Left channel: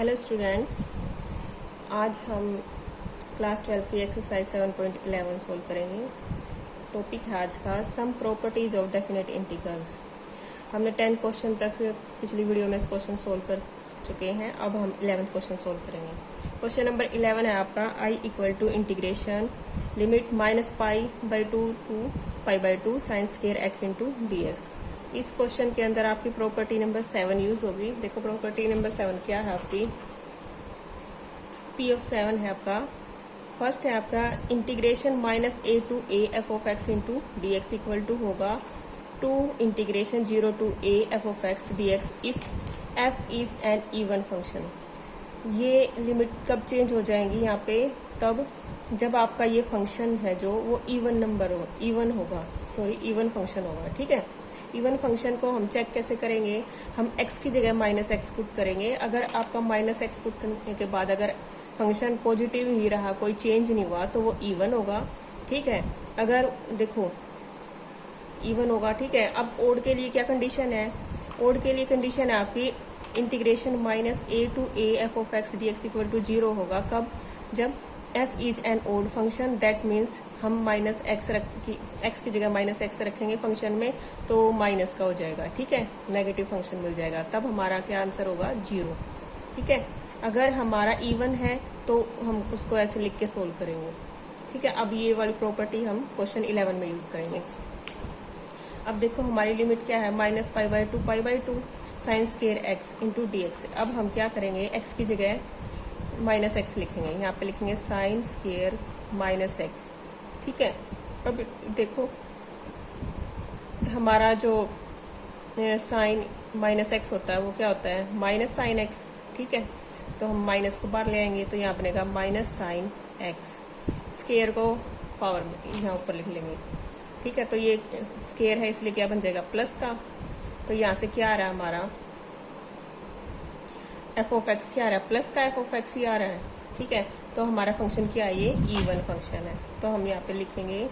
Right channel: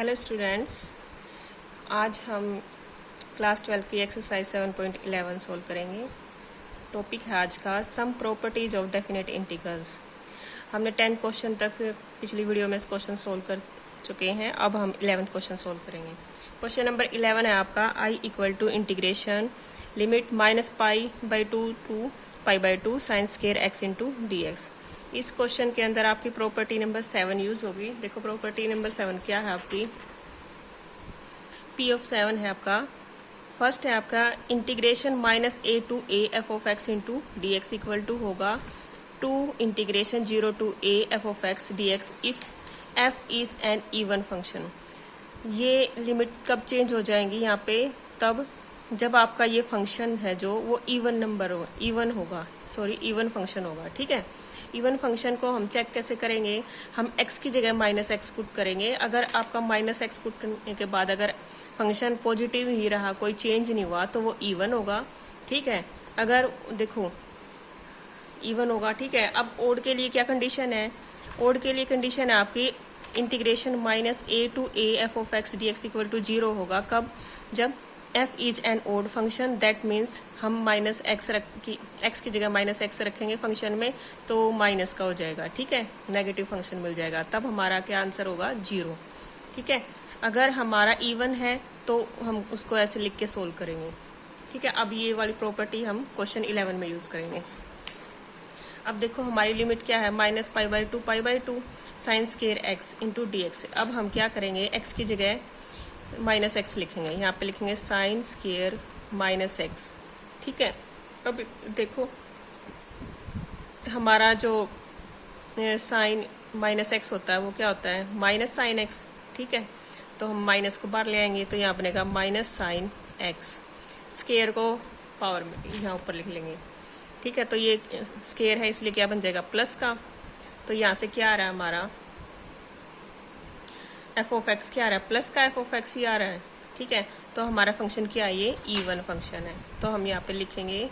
Hello students, आज हम class 12 की एक्सरसाइज 7.11 सोल्व करेंगे। टॉपिक है आज का some properties of definite integrals. हमने 10 क्वेश्चन तक पिछली वीडियो में इस क्वेश्चन सोल्व कर चुके हैं। अब हम 11th क्वेश्चन सोल्व करेंगे। क्वेश्चन नंबर 11 है आपका I equal to integration limit -π/2 to π/2 sine square x into d x. इस क्वेश्चन के अंदर आपकी प्रॉपर्टी नंबर 7 यूज होगी। देखो प्रॉपर्टी नंबर 7 क्या है आपकी, P ऑफ 7 है आपका। फर्स्ट है आपका integration -a to a f of x into d x equal to होगा 2 integration 0 to a f of x dx if f is an even function. ये लिमिट कब चेंज हो जाएंगी यहाँ पे, तब जब आपका ये फंक्शन है जो वो इवन फंक्शन होगा। ठीक है, इवन फंक्शन को हम चेक कैसे करेंगे, हम x की जगह -x पुट करेंगे। अगर आपका -x पुट करने के बाद अगर फंक्शन पॉजिटिव ही रहा, कोई चेंज नहीं हुआ, तो वो इवन होगा। ठीक है, अगर देखो इवन होगा। ठीक है, अब ओड के लिए क्या कंडीशन है, ओड के लिए कंडीशन है आपकी integration -a to a f of x dx equal to 0 होगा। कब, जब f is an odd function, that means हम x की जगह -x रखेंगे फंक्शन में, तो माइनस का हो जाएगा। ठीक है, नेगेटिव फंक्शन मिल जाएगा, तब हमारा क्या आंसर होगा 0। ठीक है, अगर हमारा इवन है तो हम उसको ऐसे लिख के सोल्व करेंगे। ठीक है, अब ये वाली प्रॉपर्टी हम क्वेश्चन 11 में यूज करेंगे। अब देखो हमारी लिमिट क्या है, -π/2 π/2 sine square x into d x. अब हम क्या करेंगे, x की जगह -x लिखेंगे, यहाँ पे लिखेंगे साइन स्क्वायर -x। ठीक है, अब देखो हमारा जो साइन -x होता है वो क्या होता है, माइनस साइन x। ठीक है, तो हम माइनस को बाहर ले आएंगे, तो यहाँ बनेगा -sin x। स्क्वायर को पावर में यहाँ ऊपर लिख लेंगे। ठीक है, तो ये स्क्वायर है इसलिए क्या बन जाएगा प्लस का। तो यहाँ से क्या आ रहा है हमारा f ऑफ x, क्या आ रहा है प्लस का f ऑफ x ही आ रहा है। ठीक है, तो हमारा फंक्शन क्या है, ये इवन फंक्शन है। तो हम यहाँ पे लिखेंगे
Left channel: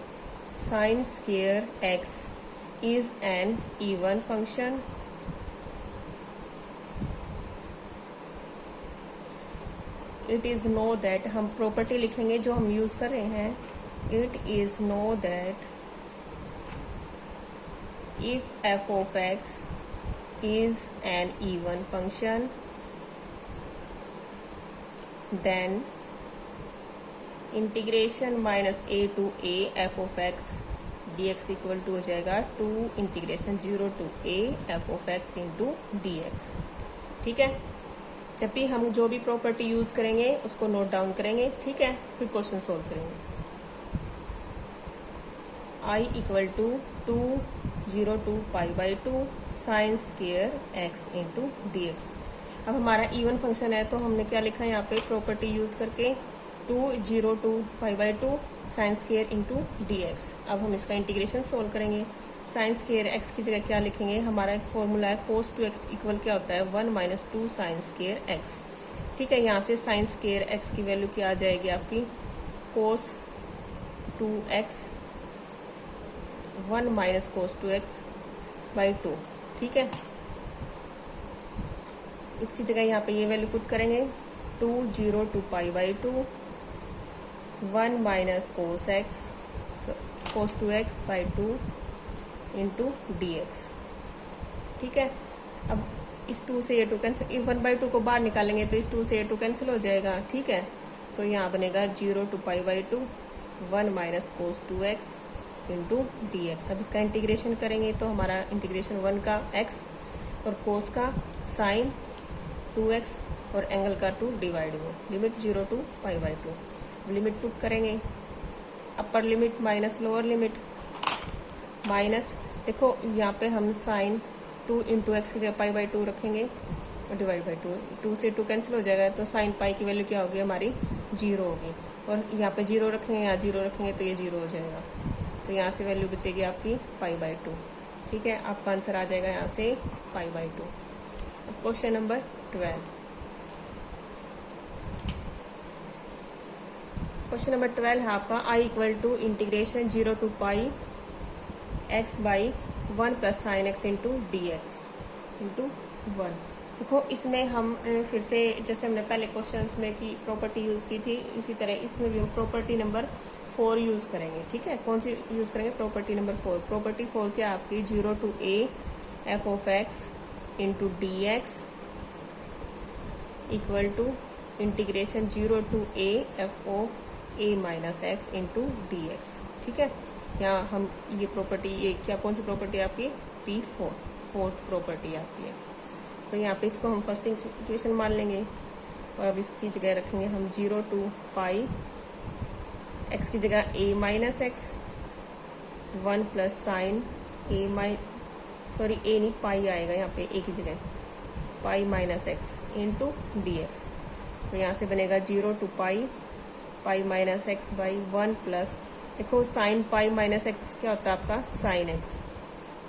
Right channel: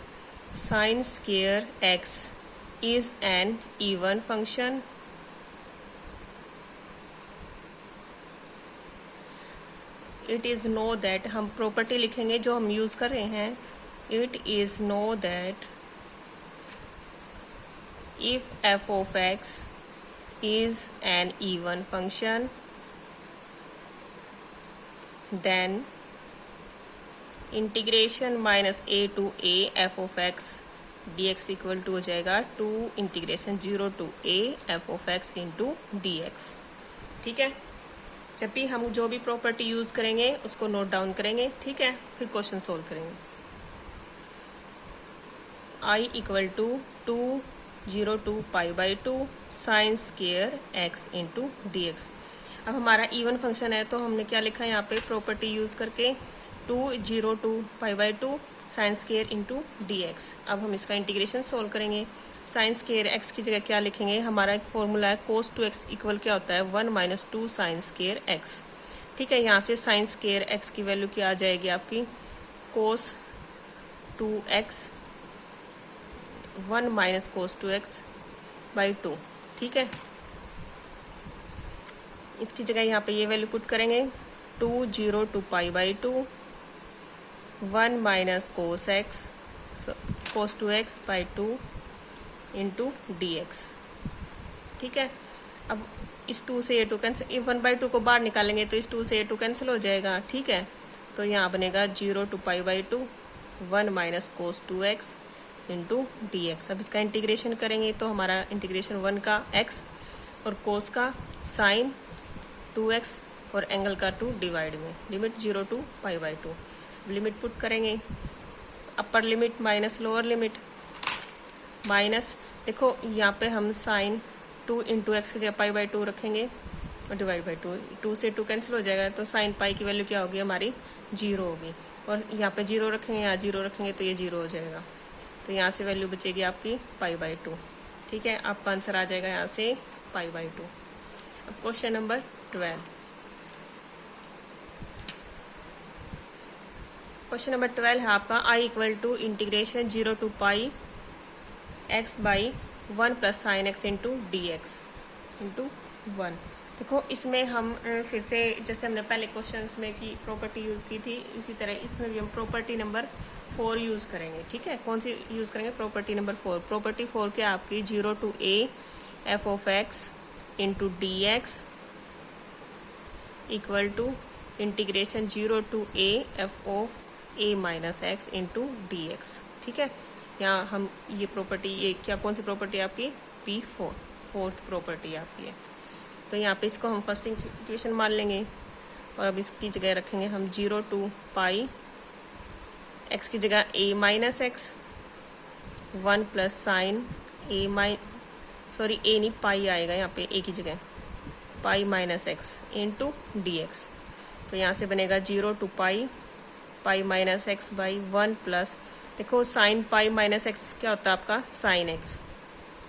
sine square x is an even function. It is know that, हम प्रॉपर्टी लिखेंगे जो हम यूज कर रहे हैं, it is know that if f of x is an even function then integration -a to a f of x dx equal to हो जाएगा 2 integration 0 to a f of x into d x. ठीक है, जब भी हम जो भी property use करेंगे उसको नोट डाउन करेंगे। ठीक है, फिर क्वेश्चन सोल्व करेंगे। I equal to 2 0 to π/2 sine square x into d x. अब हमारा इवन फंक्शन है, तो हमने क्या लिखा है यहाँ पे प्रॉपर्टी यूज करके 2 0 to π/2 sine square into d x. अब हम इसका इंटीग्रेशन सोल्व करेंगे। साइन स्क्वायर x की जगह क्या लिखेंगे, हमारा एक फॉर्मूला है cos 2x इक्वल क्या होता है 1 - 2 साइन स्क्वायर x। ठीक है, यहाँ से साइन स्क्वायर x की वैल्यू क्या आ जाएगी आपकी cos 2x 1 - cos 2x/2। ठीक है, इसकी जगह यहाँ पे ये वैल्यू पुट करेंगे 2 0 to π/2 1 - cos 2x/2 into d x. ठीक है, अब इस 2 से ये 2 कैंसिल, 1/2 को बाहर निकालेंगे तो इस 2 से ये 2 कैंसिल हो जाएगा। ठीक है, तो यहाँ बनेगा 0 to π/2 1 - cos 2x into d x. अब इसका इंटीग्रेशन करेंगे तो हमारा इंटीग्रेशन 1 का x और कोस का साइन 2x और एंगल का 2 डिवाइड में लिमिट 0 to π/2। लिमिट पुट करेंगे, upper limit minus lower limit minus, देखो यहाँ पे हम साइन 2 इंटू एक्स की जगह π/2 रखेंगे और डिवाइड बाई 2 से 2 कैंसिल हो जाएगा, तो साइन पाई की वैल्यू क्या होगी हमारी 0 होगी। और यहाँ पे 0 रखेंगे, यहाँ 0 रखेंगे तो ये 0 हो जाएगा, तो यहाँ से वैल्यू बचेगी आपकी π/2। ठीक है, आपका आंसर आ जाएगा यहाँ से π/2। अब क्वेश्चन नंबर 12। क्वेश्चन नंबर 12 है आपका I equal to integration 0 to π x/1 + sin x into d x into 1। देखो इसमें हम फिर से जैसे हमने पहले क्वेश्चंस में की प्रॉपर्टी यूज़ की थी, इसी तरह इसमें भी हम प्रॉपर्टी नंबर 4 यूज़ करेंगे। ठीक है, कौन सी यूज़ करेंगे? Property number 4। प्रॉपर्टी 4 के आपकी 0 to a f of x into d x equal to integration 0 to a f of a minus x into d x. ठीक है, यहाँ हम ये प्रॉपर्टी, ये क्या कौन सी प्रॉपर्टी आपकी? P4, फोर्थ प्रॉपर्टी आपकी है। तो यहाँ पे इसको हम फर्स्ट इक्वेशन मान लेंगे और अब इसकी जगह रखेंगे हम 0 to पाई एक्स की जगह a minus x 1 plus sign a नहीं पाई आएगा यहाँ पे a की जगह, pi minus x into d x. तो यहाँ से बनेगा 0 to pi minus x by 1 plus, देखो साइन पाई माइनस एक्स क्या होता है आपका? Sign x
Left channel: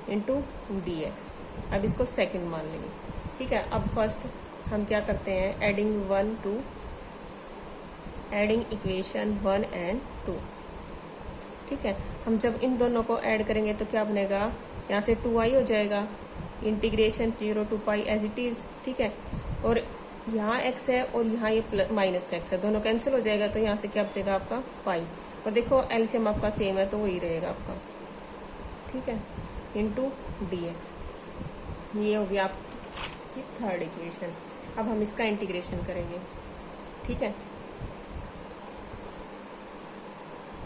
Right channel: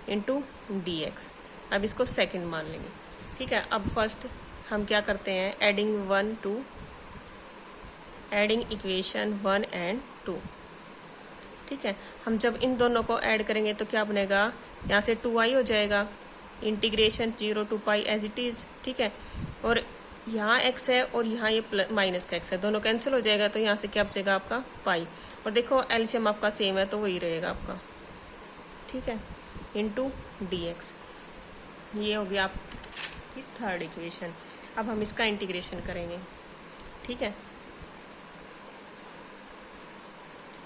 into d x. अब इसको सेकंड मान लेंगे। ठीक है, अब फर्स्ट हम क्या करते हैं? Adding equation 1 and 2। ठीक है, हम जब इन दोनों को ऐड करेंगे तो क्या बनेगा? यहाँ से 2i हो जाएगा, integration 0 to pi as it is. ठीक है, और यहाँ x है और यहाँ ये माइनस का x है, दोनों कैंसिल हो जाएगा, तो यहाँ से क्या बचेगा आपका? पाई। और देखो एलसीएम आपका सेम है तो वही रहेगा आपका। ठीक है, इंटू डी एक्स। ये हो गया आपकी थर्ड इक्वेशन। अब हम इसका इंटीग्रेशन करेंगे। ठीक है,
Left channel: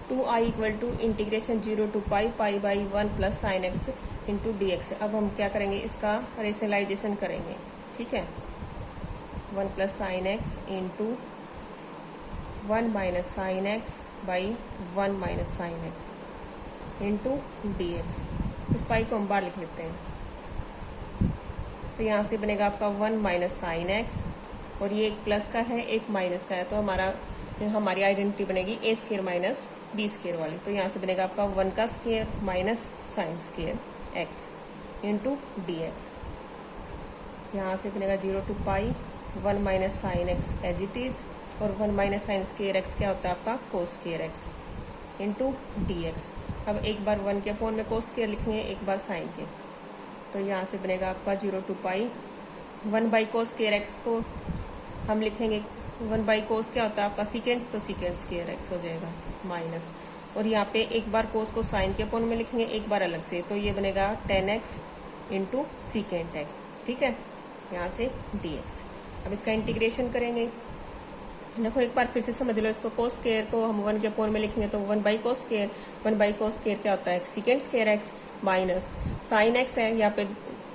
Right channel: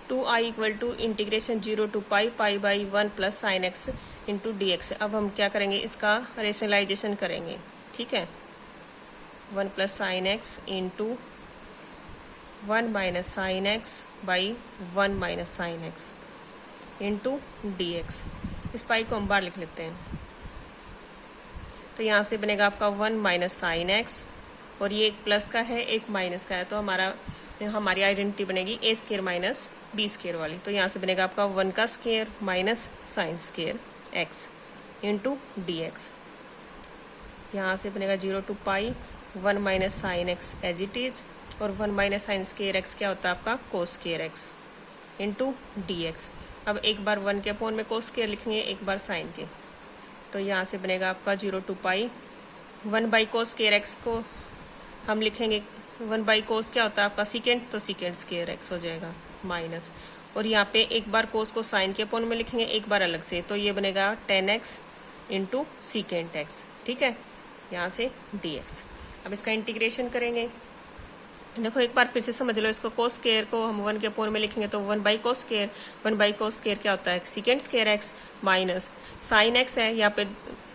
2i equal to integration 0 to pi by 1 plus sine x into d x. अब हम क्या करेंगे? इसका रेशनलाइजेशन करेंगे। ठीक है, 1 plus sine x into 1 minus sine x by 1 minus sine x into d x. इस पाई को हम बाहर लिख लेते हैं। तो यहाँ से बनेगा आपका 1 माइनस साइन एक्स, और ये एक प्लस का है एक माइनस का है, तो हमारी आइडेंटिटी बनेगी a square minus b square वाली। तो यहाँ से बनेगा आपका 1 का square minus sine square x into d x. यहाँ से बनेगा 0 to pi 1 minus sine x as it is, और 1 माइनस साइन स्केयर एक्स क्या होता है आपका? Cos square x into d x. अब एक बार 1 के अपोन में कोस स्केयर लिखेंगे, एक बार साइन के, तो यहाँ से बनेगा आपका 0 to pi 1 by cos square x को हम लिखेंगे 1 बाई कोस क्या होता है आपका? सीकेंट, तो सीकेंट स्केयर एक्स हो जाएगा माइनस, और यहाँ पे एक बार कोस को साइन के अपोन में लिखेंगे, एक बार अलग से, तो ये बनेगा 10x इंटू सीकेंट एक्स। ठीक है, यहाँ से dx। अब इसका इंटीग्रेशन करेंगे। देखो एक बार फिर से समझ लो इसको, कोस स्केयर को हम 1 के अपोन में लिखेंगे तो 1 बाई कोस स्केयर क्या होता है? Secant square x minus sine x है, यहाँ पे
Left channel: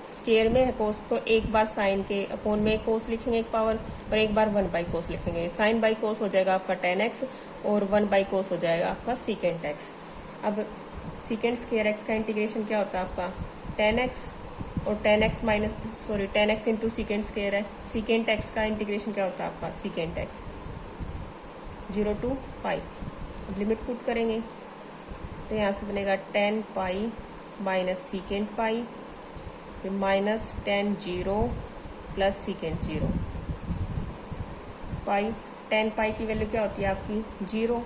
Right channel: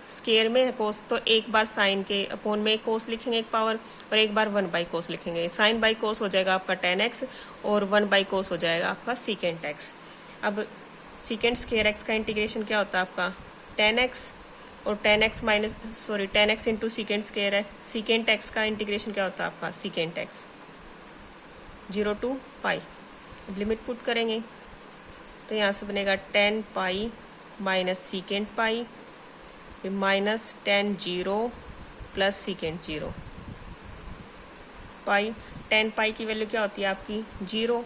स्केयर में है कोस, तो एक बार साइन के अपोन में कोस लिखेंगे एक पावर, और एक बार 1 बाई कोस लिखेंगे। साइन बाई कोस हो जाएगा आपका 10x, और 1 बाई कोस हो जाएगा आपका सीकेंट एक्स। अब सीकेंट स्केयर एक्स का इंटीग्रेशन क्या होता है आपका? 10x, और 10x इंटू सीकेंट स्केयर है, सीकेंट एक्स का इंटीग्रेशन क्या होता है आपका? सीकेंट एक्स 0 to पाई। अब लिमिट पुट करेंगे तो यहाँ से बनेगा 10 pi minus secant pi minus 10 0 plus secant 0 पाई। 10 पाई की वैल्यू क्या होती है आपकी? 0,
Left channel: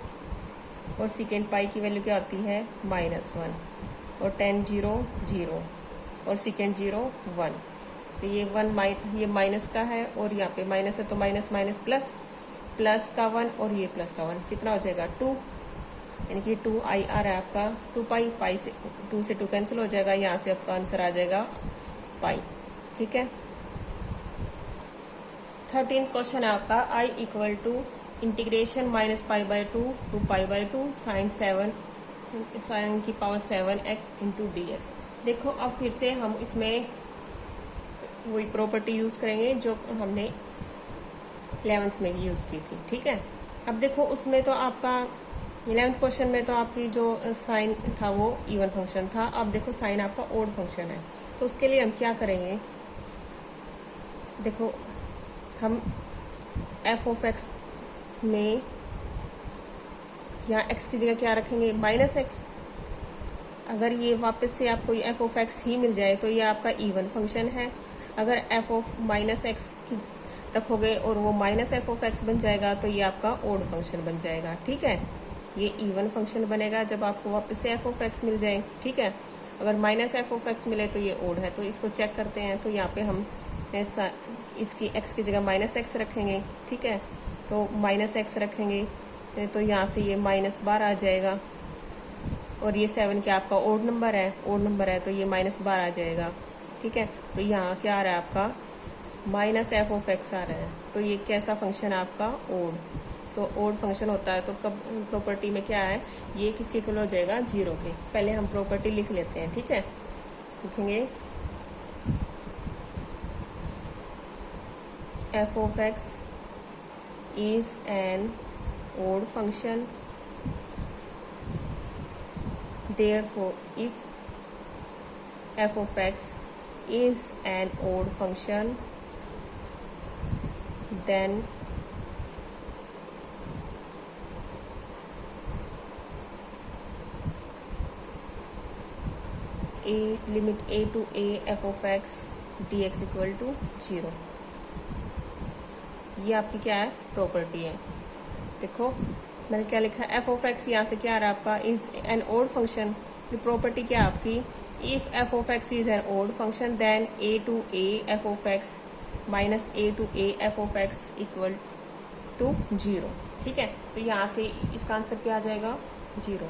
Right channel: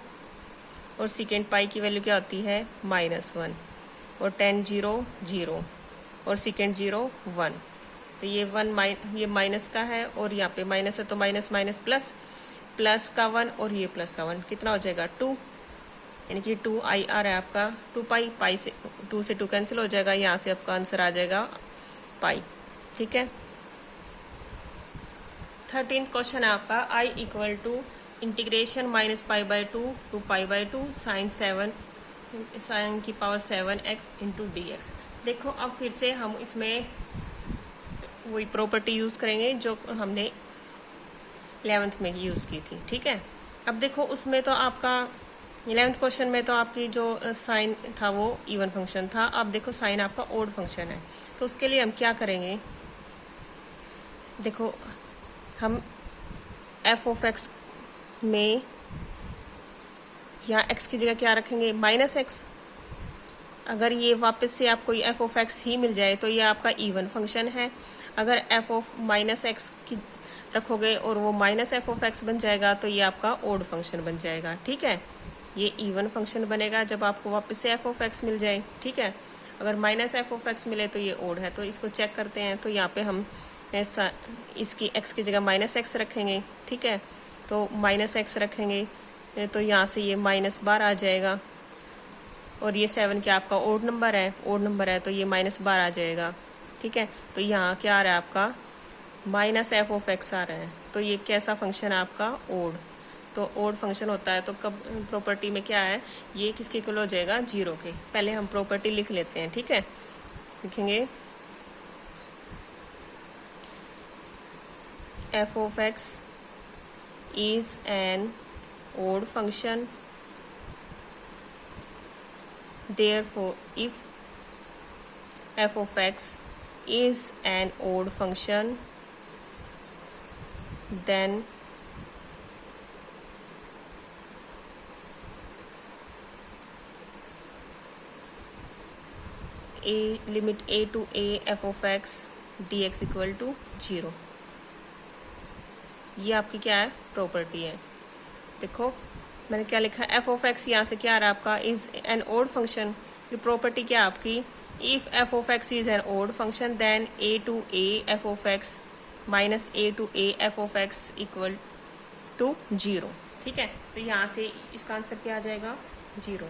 और सीकेंट पाई की वैल्यू क्या होती है? -1, और 10 0 0 और सीकेंट 0 1। तो ये ये माइनस का है, और यहाँ पे माइनस है तो माइनस माइनस प्लस का 1, और ये प्लस का 1, कितना हो जाएगा? 2, यानी कि 2i आ रहा है आपका 2 पाई से 2 से 2 कैंसिल हो जाएगा, यहाँ से आपका आंसर आ जाएगा पाई। ठीक है, 13th क्वेश्चन है आपका, i equal to integration minus pi by 2 to pi by 2 sine की power 7x into d x. देखो अब फिर से हम इसमें वही प्रॉपर्टी यूज़ करेंगे जो हमने 11th में यूज़ की थी। ठीक है, अब देखो उसमें तो आपका 11th क्वेश्चन में तो आपकी जो साइन था वो इवन फंक्शन था। अब देखो साइन आपका ओड फंक्शन है, तो उसके लिए हम क्या करेंगे? देखो हम एफ ऑफ एक्स में यहाँ एक्स की जगह क्या रखेंगे? -x। अगर ये वापस से आपको एफ ऑफ एक्स ही मिल जाए तो ये आपका इवन फंक्शन है। अगर एफ ऑफ -x की रखोगे और वो -f ऑफ x बन जाएगा तो ये आपका ओड फंक्शन बन जाएगा। ठीक है, ये इवन फंक्शन बनेगा जब आपको वापस से f ऑफ x मिल जाए। ठीक है, अगर -f ऑफ x मिले तो ये ओड है। तो इसको चेक करते हैं, तो यहाँ पे हम ऐसा इसकी x की जगह माइनस एक्स रखेंगे, ठीक है, तो माइनस एक्स रखेंगे तो यहाँ से ये -12 आ जाएगा। और ये 7 क्या आपका ओड नंबर है तो ये -12 आ जाएगा, ठीक है। तो यहाँ क्या आ रहा है आपका -f(x) आ रहा है। तो ये कैसा फंक्शन है आपका ओड। तो ओड फंक्शन होता है तो कब प्रॉपर्टी में क्या है, ये किसके इक्वल हो जाएगा, 0 के। पहले हम प्रॉपर्टी लिख लेते हैं, ठीक है। लिखेंगे f(x) is an odd function, therefore if f(x) is an odd function, then limit a to a f(x) dx equal to 0। ये आपकी क्या है, प्रॉपर्टी है। देखो मैंने क्या लिखा है, f(x) यहाँ से क्या आ रहा है आपका, इज एन ओड फंक्शन। ये प्रॉपर्टी क्या आपकी, if f(x) is an odd function then a to a f(x) minus a to a f(x) equal to 0, ठीक है। तो यहाँ से इसका आंसर क्या आ जाएगा, 0।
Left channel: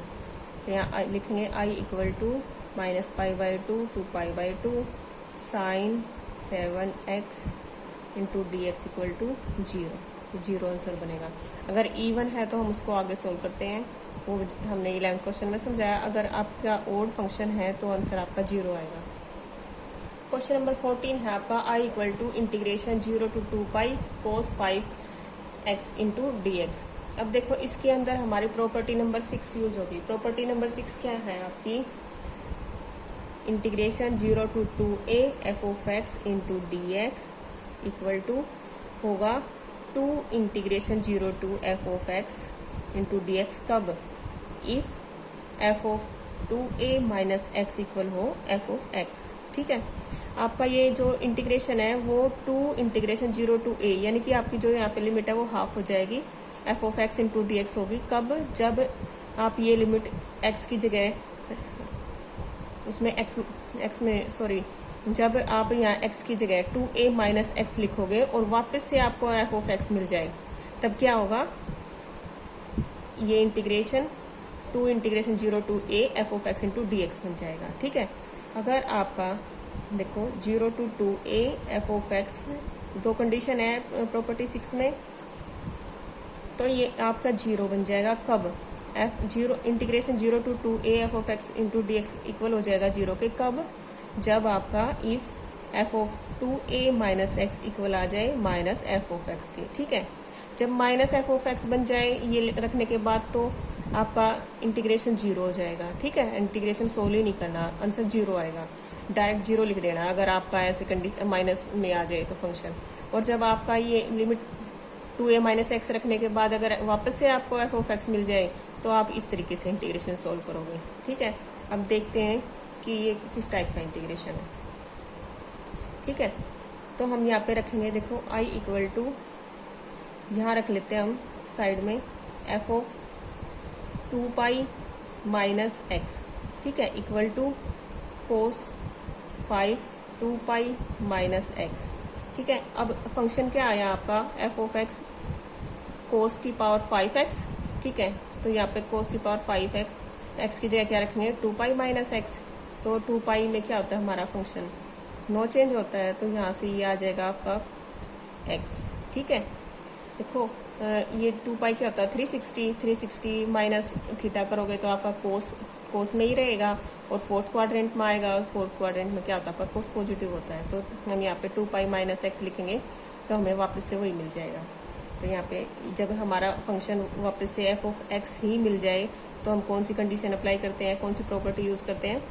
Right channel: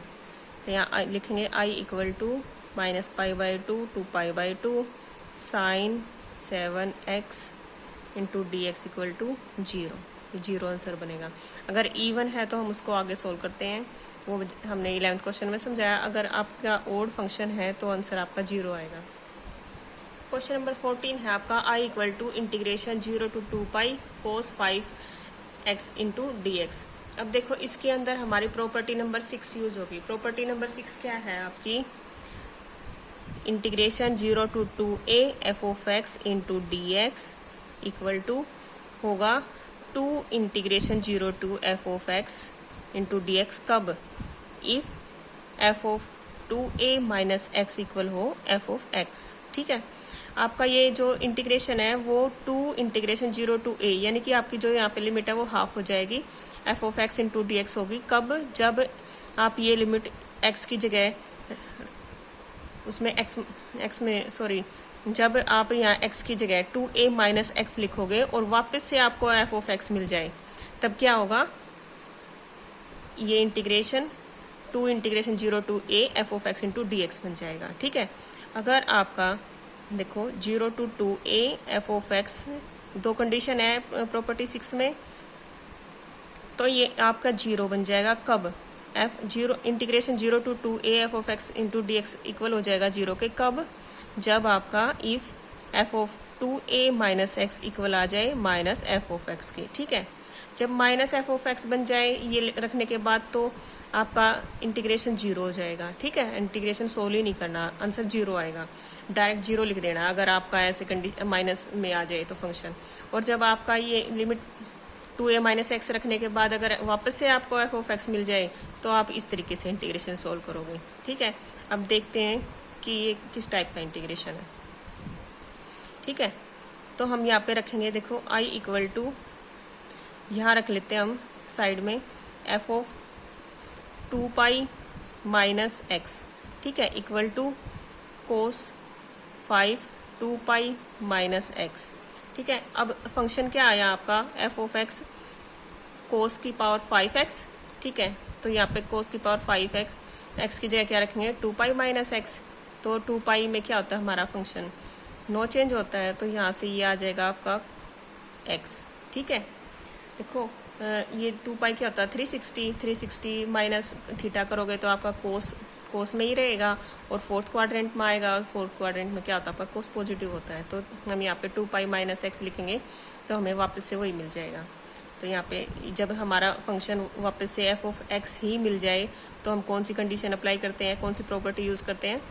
तो यहाँ लिखेंगे i equal to -π/2 to π/2 sin 7x into dx equal to 0 answer बनेगा। अगर इवन है तो हम उसको आगे सोल्व करते हैं, वो हमने 11th क्वेश्चन में समझाया। अगर आपका ओड फंक्शन है तो आंसर आपका 0 आएगा। क्वेश्चन नंबर 14 है आपका i equal to integration 0 to 2π cos 5x into dx। अब देखो इसके अंदर हमारी प्रॉपर्टी नंबर 6 यूज होगी। प्रॉपर्टी नंबर 6 क्या है आपकी, integration 0 to 2a f(x) into dx equal to होगा 2 integration 0 to f(x) into dx कब, if f(2a minus x) equal हो f(x), ठीक है। आपका ये जो इंटीग्रेशन है वो 2 इंटीग्रेशन 0 to a, यानी कि आपकी जो यहाँ पे लिमिट है वो हाफ हो जाएगी, f(x) इंटू dx होगी कब, जब आप ये लिमिट x की जगह उसमें x में जब आप यहाँ x की जगह 2a माइनस x लिखोगे और वापस से आपको f(x) मिल जाए, तब क्या होगा, ये integration 2 integration 0 to a f(x) into dx बन जाएगा, ठीक है। अगर आपका देखो 0 to 2a f(x), दो कंडीशन है प्रॉपर्टी 6 में, तो ये आपका 0 बन जाएगा कब, integration 0 to 2a f(x) into dx equal हो जाएगा 0 के कब, जब आपका if f(2a minus x) equal आ जाए माइनस f(x) के, ठीक है। जब माइनस f(x) बन जाए ये रखने के बाद तो आपका इंटीग्रेशन 0 हो जाएगा, ठीक है। इंटीग्रेशन सोल्व ही नहीं करना, आंसर 0 आएगा, डायरेक्ट 0 लिख देना अगर आपका ऐसे माइनस में आ जाए तो फंक्शन। और जब आपका ये लिमिट 2a माइनस x रखने के बाद अगर वापस से आपको f(x) मिल जाए तो आप इस तरीके से इंटीग्रेशन सोल्व करोगे, ठीक है। अब देखते हैं कि ये किस टाइप का इंटीग्रेशन है, ठीक है। तो हम यहाँ पे रखेंगे, देखो i इक्वल टू, यहाँ रख लेते हैं हम साइड में f(2π माइनस x), ठीक है, equal to cos 5 2π minus x, ठीक है। अब फंक्शन क्या आया आपका, f(x) cos की पावर 5x, ठीक है। तो यहाँ पे cos की पावर 5x, x की जगह क्या रखेंगे 2π माइनस x, तो 2π में क्या होता है हमारा फंक्शन नो चेंज होता है, तो यहाँ से ये आ जाएगा आपका x, ठीक है। देखो ये 2π क्या होता है 360 माइनस थीटा करोगे तो आपका कोस में ही रहेगा और फोर्थ क्वाड्रेंट में आएगा, और फोर्थ क्वाड्रेंट में क्या होता है आपका कोस पॉजिटिव होता है, तो हम यहाँ पे 2π माइनस x लिखेंगे तो हमें वापस से वही मिल जाएगा। तो यहाँ पे जब हमारा फंक्शन वापस से f(x) ही मिल जाए तो हम कौन सी कंडीशन अप्लाई करते हैं, कौन सी प्रॉपर्टी यूज़ करते हैं,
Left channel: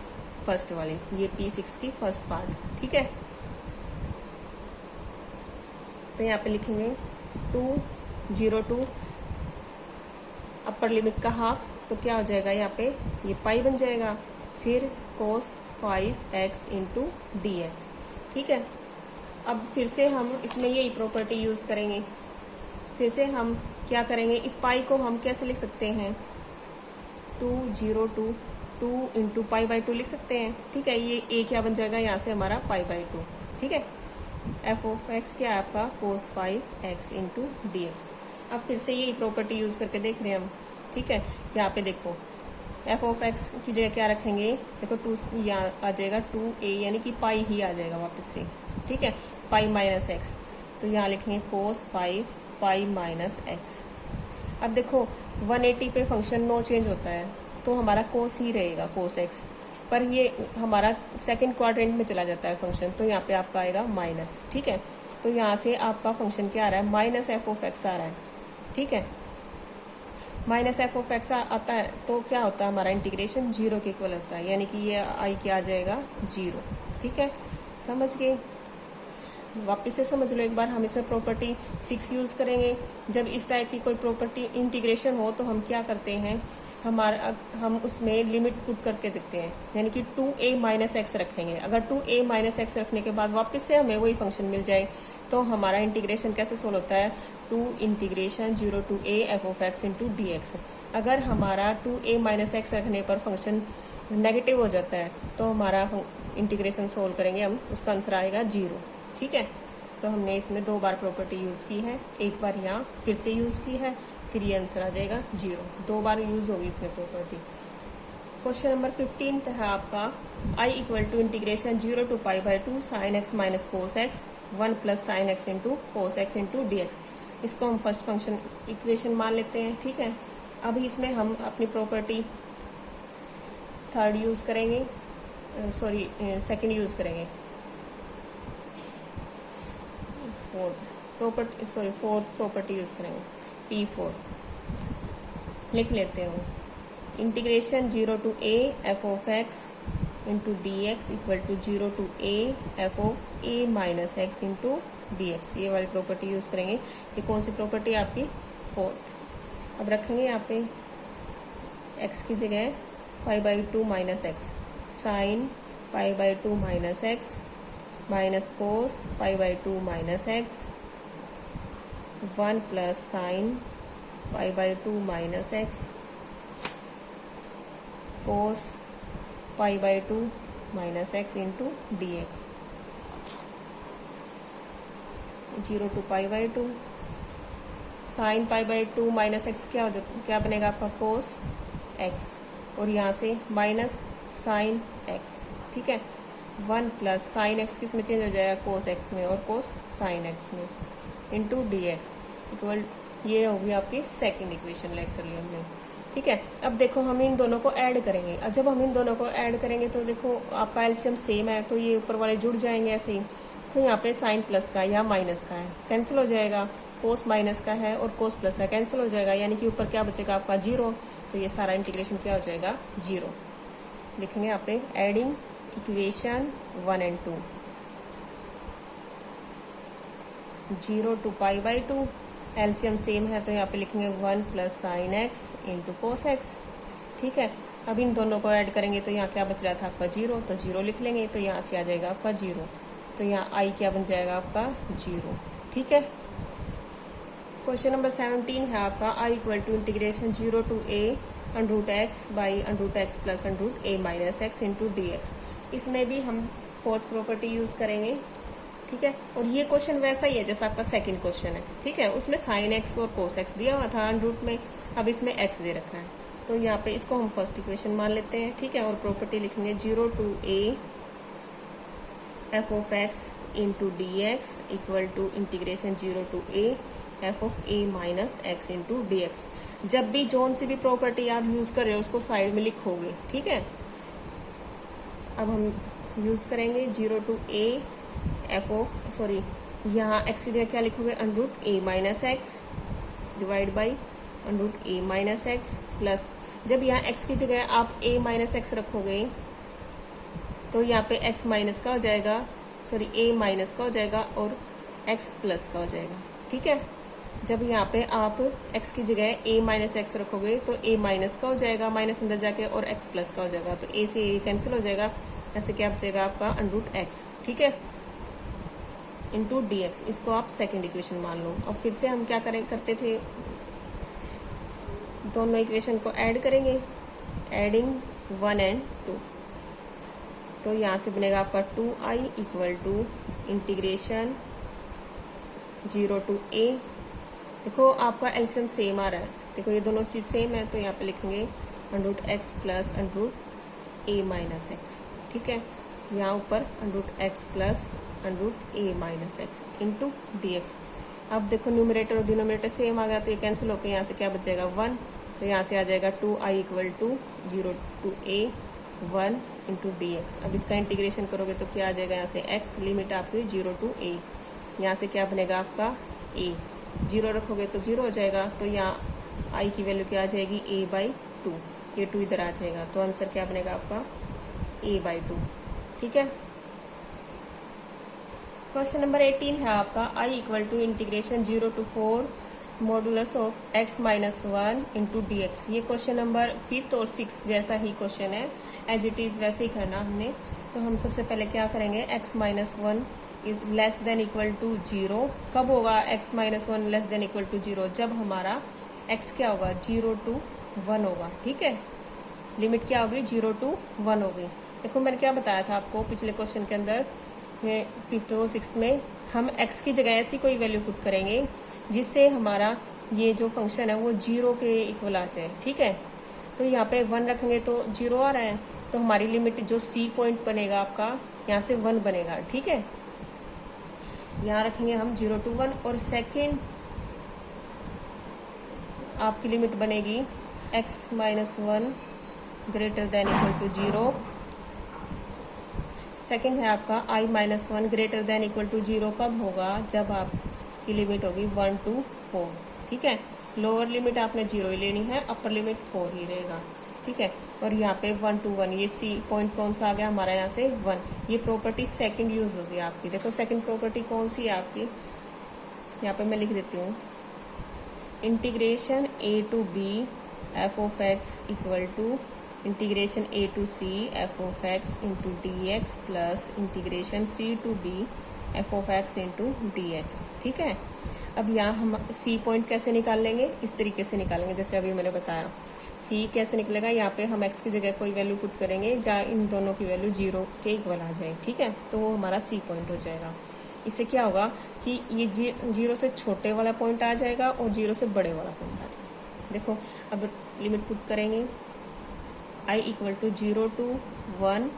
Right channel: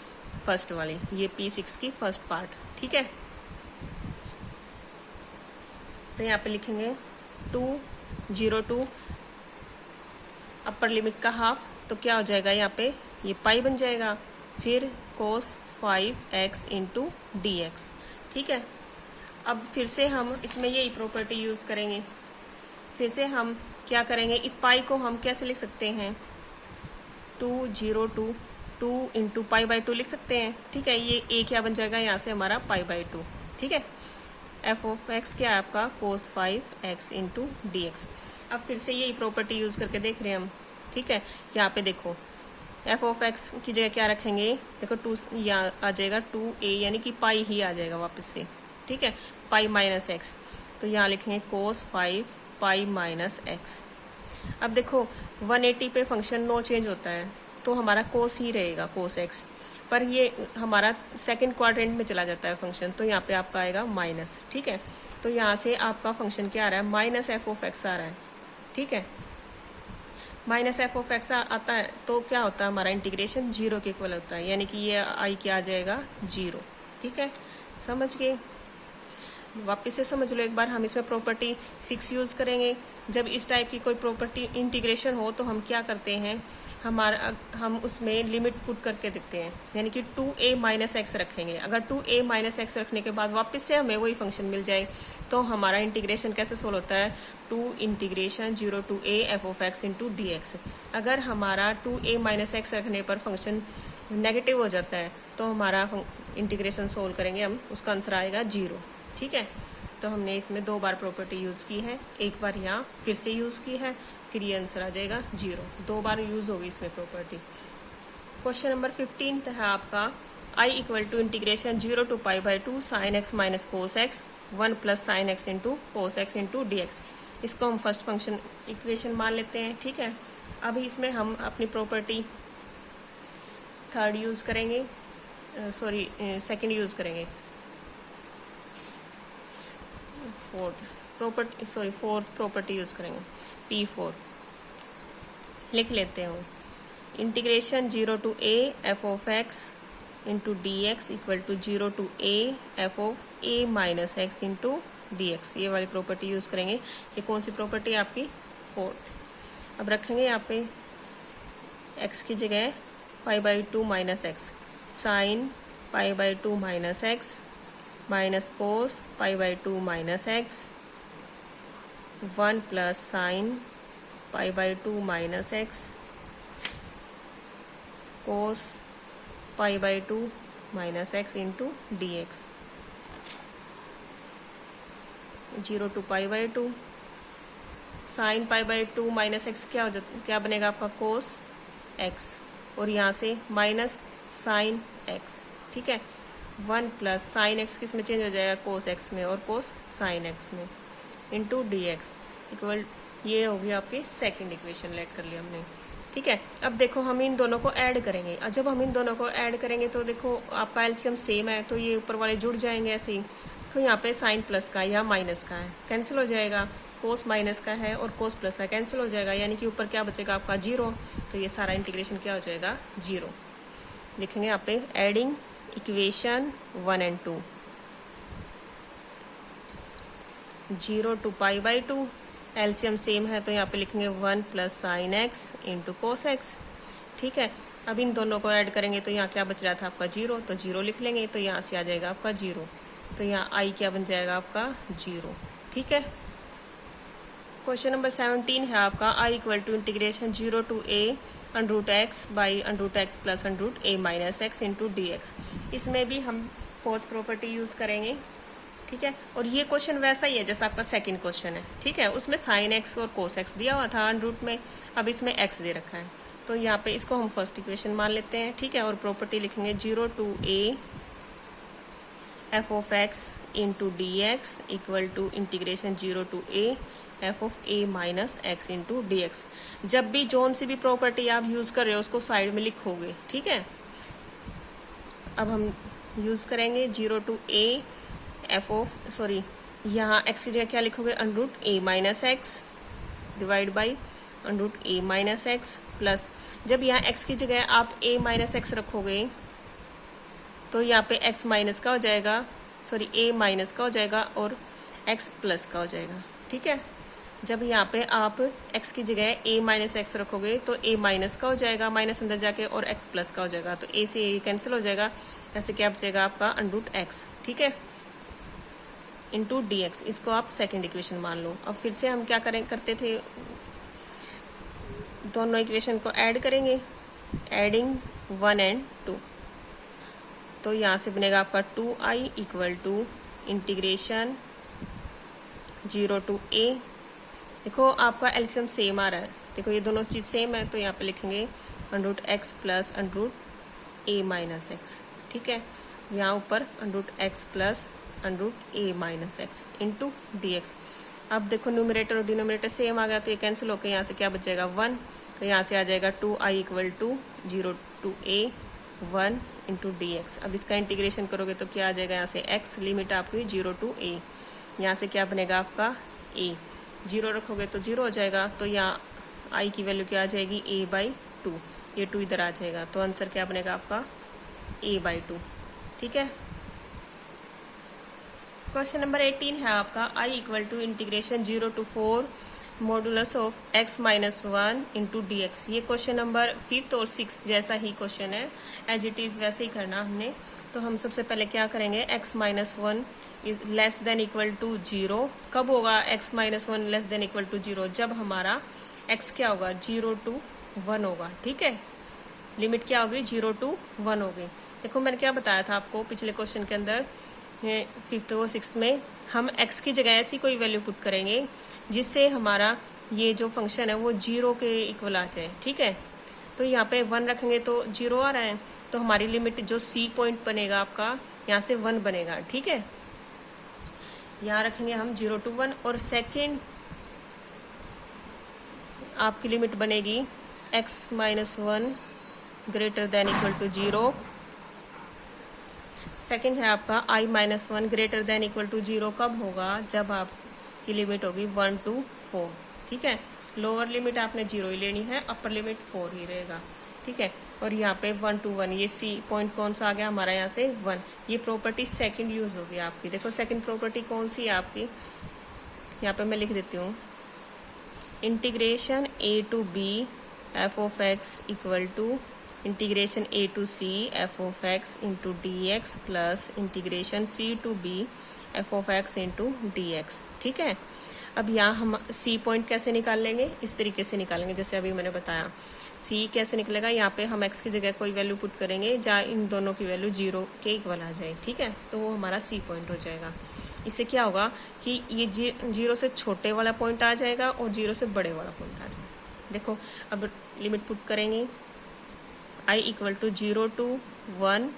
फर्स्ट वाली, ये P6 की फर्स्ट पार्ट, ठीक है। तो यहाँ पे लिखेंगे 2 0 to अपर लिमिट का हाफ, तो क्या हो जाएगा यहाँ पे ये पाई बन जाएगा, फिर cos 5x इंटू dx, ठीक है। अब फिर से हम इसमें यही प्रॉपर्टी यूज़ करेंगे, फिर से हम क्या करेंगे, इस पाई को हम कैसे लिख सकते हैं, 2 0 to 2 इंटू π/2 लिख सकते हैं, ठीक है। ये a क्या बन जाएगा यहाँ से हमारा π/2, ठीक है। एफ ऑफ एक्स क्या है आपका कोस 5x इंटू डी एक्स। अब फिर से यही प्रॉपर्टी यूज़ करके देख रहे हैं हम, ठीक है। यहाँ पे देखो एफ ऑफ एक्स की जगह क्या रखेंगे, देखो 2 यहाँ आ जाएगा 2a यानी कि पाई ही आ जाएगा वापस से, ठीक है, पाई माइनस एक्स। तो यहाँ लिखेंगे कोस 5 पाई माइनस एक्स। अब देखो 180 पे फंक्शन नो चेंज होता है तो हमारा कोस ही रहेगा कोस एक्स, पर ये हमारा सेकंड क्वाड्रेंट में चला जाता है फंक्शन, तो यहाँ पे आपका आएगा माइनस, ठीक है। तो यहाँ से आपका फंक्शन क्या आ रहा है, माइनस एफ ऑफ एक्स आ रहा है, ठीक है। माइनस एफ ऑफ एक्स आता है तो क्या होता है, हमारा इंटीग्रेशन 0 के इक्वल होता है, यानी कि ये आई क्या आ जाएगा 0, ठीक है। समझ गए, वापस से समझ लो एक बार। हम इसमें प्रॉपर्टी 6 यूज़ करेंगे। जब इस टाइप की कोई प्रॉपर्टी इंटीग्रेशन हो तो हम क्या करते हैं, हम उसमें लिमिट पुट करके देखते हैं, यानी कि 2a माइनस एक्स रखेंगे। अगर 2a माइनस एक्स रखने के बाद वापस से हमें वही फंक्शन मिल जाए तो हमारा इंटीग्रेशन कैसे सोल्व होता है, 2 integration 0 to a f of x into d x. अगर हमारा 2a माइनस एक्स रखने पर फंक्शन नेगेटिव हो जाता है तो हमारा इंटीग्रेशन सोल्व करेंगे हम, उसका आंसर आएगा 0, ठीक है। तो हमने इसमें 2 बार प्रॉपर्टी यूज़ की है, एक बार यहाँ फिर से यूज़ की है, फिर ये आंसर आ जाएगा 0। 2 बार यूज़ होगी इसमें प्रॉपर्टी। क्वेश्चन नंबर 15 है आपका i equal to integration 0 to π/2 sine x minus cos x 1 plus sine x into cos x into d x. इसको हम फर्स्ट फंक्शन इक्वेशन मान लेते हैं, ठीक है। अभी इसमें हम अपनी प्रॉपर्टी थर्ड यूज़ करेंगे, सेकेंड यूज़ करेंगे, फोर्थ प्रॉपर्टी यूज़ करेंगे, P4 लिख लेते हैं। Integration 0 to a f of x into d x equal to 0 to a f of a minus x into d x, ये वाली प्रॉपर्टी यूज़ करेंगे। ये कौन सी प्रॉपर्टी है आपकी, फोर्थ। अब रखेंगे यहाँ पे x की जगह π/2 minus x sine π/2 minus x minus cos π/2 minus x 1 plus sine π/2 minus x cos π/2 minus x into d x. 0 to π/2 sine π/2 minus x क्या बनेगा आपका कोस एक्स, और यहाँ से माइनस साइन एक्स, ठीक है। 1 प्लस साइन एक्स किस में चेंज हो जाएगा, कोस एक्स में, और कोस साइन एक्स में इंटू डी एक्स इक्वल, ये होगी आपकी सेकंड इक्वेशन लेट कर लिया हमने, ठीक है। अब देखो हम इन दोनों को ऐड करेंगे, और जब हम इन दोनों को ऐड करेंगे तो देखो आपका एलसीएम सेम है तो ये ऊपर वाले जुड़ जाएंगे ऐसे ही। तो यहाँ पे साइन प्लस का या माइनस का है कैंसिल हो जाएगा, कोस माइनस का है और कोस प्लस का कैंसिल हो जाएगा, यानी कि ऊपर क्या बचेगा आपका 0। तो ये सारा इंटीग्रेशन क्या हो जाएगा 0। लिखेंगे यहाँ पे adding equation 1 and 2, 0 to π/2 LCM same है तो यहाँ पे लिखेंगे 1 plus sine x into cos x, ठीक है। अब इन दोनों को ऐड करेंगे तो यहाँ क्या बच रहा था आपका 0, तो 0 लिख लेंगे, तो यहाँ से आ जाएगा आपका 0, तो यहाँ आई क्या बन जाएगा आपका 0, ठीक है। क्वेश्चन नंबर 17 है आपका i equal to integration 0 to a √x by √x plus √a minus x into d x. इसमें भी हम फोर्थ प्रॉपर्टी यूज़ करेंगे, ठीक है। और ये क्वेश्चन वैसा ही है जैसा आपका सेकंड क्वेश्चन है, ठीक है। उसमें साइन एक्स और कोस एक्स दिया हुआ था √ में, अब इसमें एक्स दे रखा है, तो यहाँ पे इसको हम फर्स्ट इक्वेशन मान लेते हैं, ठीक है। और प्रॉपर्टी लिखेंगे 0 to a f of x into d x equal to integration 0 to a f of a minus x into d x. जब भी जोन सी भी प्रॉपर्टी आप यूज़ कर रहे हो उसको साइड में लिखोगे, ठीक है। अब हम यूज़ करेंगे 0 to a एफ ऑफ यहाँ x की जगह क्या लिखोगे, √a minus x divide by √a minus x plus, जब यहाँ x की जगह आप a माइनस एक्स रखोगे तो यहाँ पे x माइनस का हो जाएगा, a माइनस का हो जाएगा और x प्लस का हो जाएगा, ठीक है। जब यहाँ पे आप x की जगह a माइनस एक्स रखोगे तो a माइनस का हो जाएगा, माइनस अंदर जाके, और x प्लस का हो जाएगा, तो a से a कैंसिल हो जाएगा, ऐसे क्या बचेगा आपका √x, ठीक है, इंटू डी एक्स। इसको आप सेकेंड इक्वेशन मान लो। अब फिर से हम क्या करते थे, दोनों इक्वेशन को ऐड करेंगे, एडिंग 1 and 2, तो यहाँ से बनेगा आपका 2i equal to integration 0 to a। देखो आपका एलसीएम सेम आ रहा है, देखो ये दोनों चीज़ सेम है, तो यहाँ पे लिखेंगे √x plus √a minus x. ठीक है, यहाँ ऊपर √x plus √a-x into dx। अब देखो न्यूमरेटर और डिनोमिनेटर सेम आ गया, तो ये कैंसिल होकर यहाँ से क्या बचेगा 1, तो यहाँ से आ जाएगा 2i = 0 to a 1 into dx। अब इसका इंटीग्रेशन करोगे तो क्या आ जाएगा, यहाँ से x लिमिट आपकी 0 to a, यहाँ से क्या बनेगा आपका a, 0 रखोगे तो 0 हो जाएगा, तो यहाँ i की वैल्यू क्या आ जाएगी a/2, ये 2 इधर आ जाएगा, तो आंसर क्या बनेगा आपका a/2। ठीक है, क्वेश्चन नंबर 18 है आपका i = integration 0 to 4 modulus of x - 1 into dx। ये क्वेश्चन नंबर 5th और 6th जैसा ही क्वेश्चन है, एज इट इज़ वैसे ही करना हमने। तो हम सबसे पहले क्या करेंगे, x - 1 less than equal to 0। कब होगा x - 1 less than equal to 0, जब हमारा x क्या होगा 0 to 1 होगा। ठीक है, लिमिट क्या होगी 0 to 1 होगी। देखो मैंने क्या बताया था आपको पिछले क्वेश्चन के अंदर, ये 5th और 6th में हम x की जगह ऐसी कोई वैल्यू पुट करेंगे जिससे हमारा ये जो फंक्शन है वो 0 के इक्वल आ जाए। ठीक है, तो यहाँ पे 1 रखेंगे तो 0 आ रहा है, तो हमारी लिमिट जो c पॉइंट बनेगा आपका यहाँ से 1 बनेगा। ठीक है, यहाँ रखेंगे हम 0 to 1, और सेकेंड आपकी लिमिट बनेगी x - 1 greater than equal to 0। Second है आपका i - 1 greater than equal to 0 कब होगा, जब आपकी लिमिट होगी 1 to 4। ठीक है, लोअर लिमिट आपने 0 ही लेनी है, अपर लिमिट 4 ही रहेगा। ठीक है, और यहाँ पे 1 to 1, ये c पॉइंट कौन सा आ गया हमारा यहाँ से 1। ये प्रॉपर्टी सेकंड यूज होगी आपकी। देखो सेकंड प्रॉपर्टी कौन सी है आपकी, यहाँ पे मैं लिख देती हूँ, integration a to b f(x) equal to integration a to c f(x) into dx plus integration c to b f(x) into dx। ठीक है, अब यहाँ हम c पॉइंट कैसे निकाल लेंगे, इस तरीके से निकालेंगे जैसे अभी मैंने बताया। c कैसे निकलेगा, यहाँ पे हम x की जगह कोई वैल्यू पुट करेंगे जहाँ इन दोनों की वैल्यू 0 के इक्वल आ जाए। ठीक है, तो वो हमारा c पॉइंट हो जाएगा। इससे क्या होगा कि ये 0 से छोटे वाला पॉइंट आ जाएगा और 0 से बड़े वाला पॉइंट आ जाएगा। देखो अब लिमिट पुट करेंगे, i = 0 to 1।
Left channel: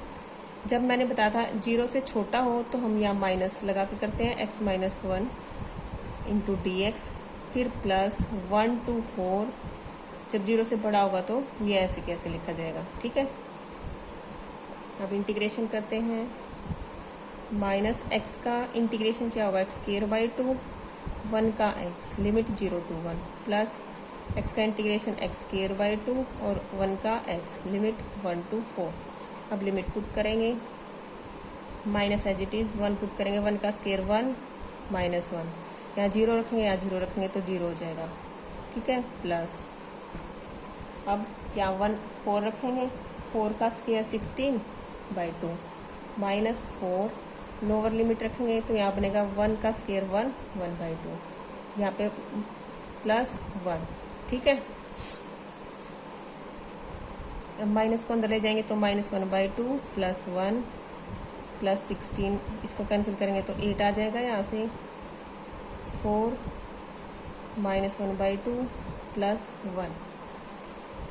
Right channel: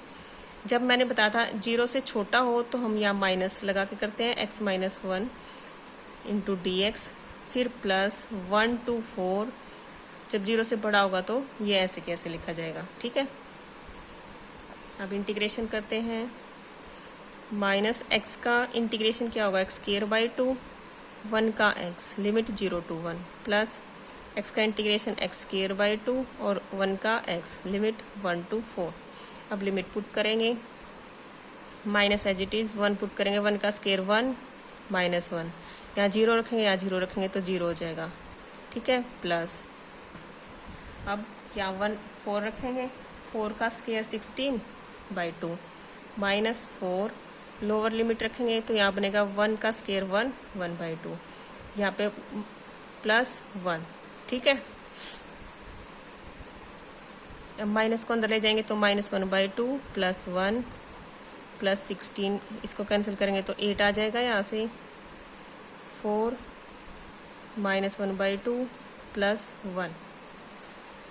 जब मैंने बताया था 0 से छोटा हो तो हम यहाँ माइनस लगा के करते हैं, x - 1 इंटू dx, फिर प्लस 1 to 4। जब 0 से बड़ा होगा तो ये ऐसे कैसे लिखा जाएगा। ठीक है, अब इंटीग्रेशन करते हैं, माइनस x का इंटीग्रेशन क्या होगा x²/2, 1 का x limit 0 to 1, plus x का इंटीग्रेशन x²/2 और 1 का x लिमिट 1 to 4। अब लिमिट पुट करेंगे, minus as it is 1 put करेंगे, 1 का स्क्वायर 1 माइनस 1, यहाँ 0 रखेंगे, यहाँ 0 रखेंगे तो 0 हो जाएगा। ठीक है, प्लस अब क्या 4 रखेंगे, 4 का स्क्वायर 16/2 माइनस 4, लोअर लिमिट रखेंगे तो यहाँ बनेगा 1 का स्क्वायर 1/2, यहाँ पे प्लस 1। ठीक है, माइनस को अंदर ले जाएंगे तो -1/2 प्लस 1 प्लस 16, इसको कैंसिल करेंगे तो 8 आ जाएगा, यहाँ से 4 -1/2 प्लस 1।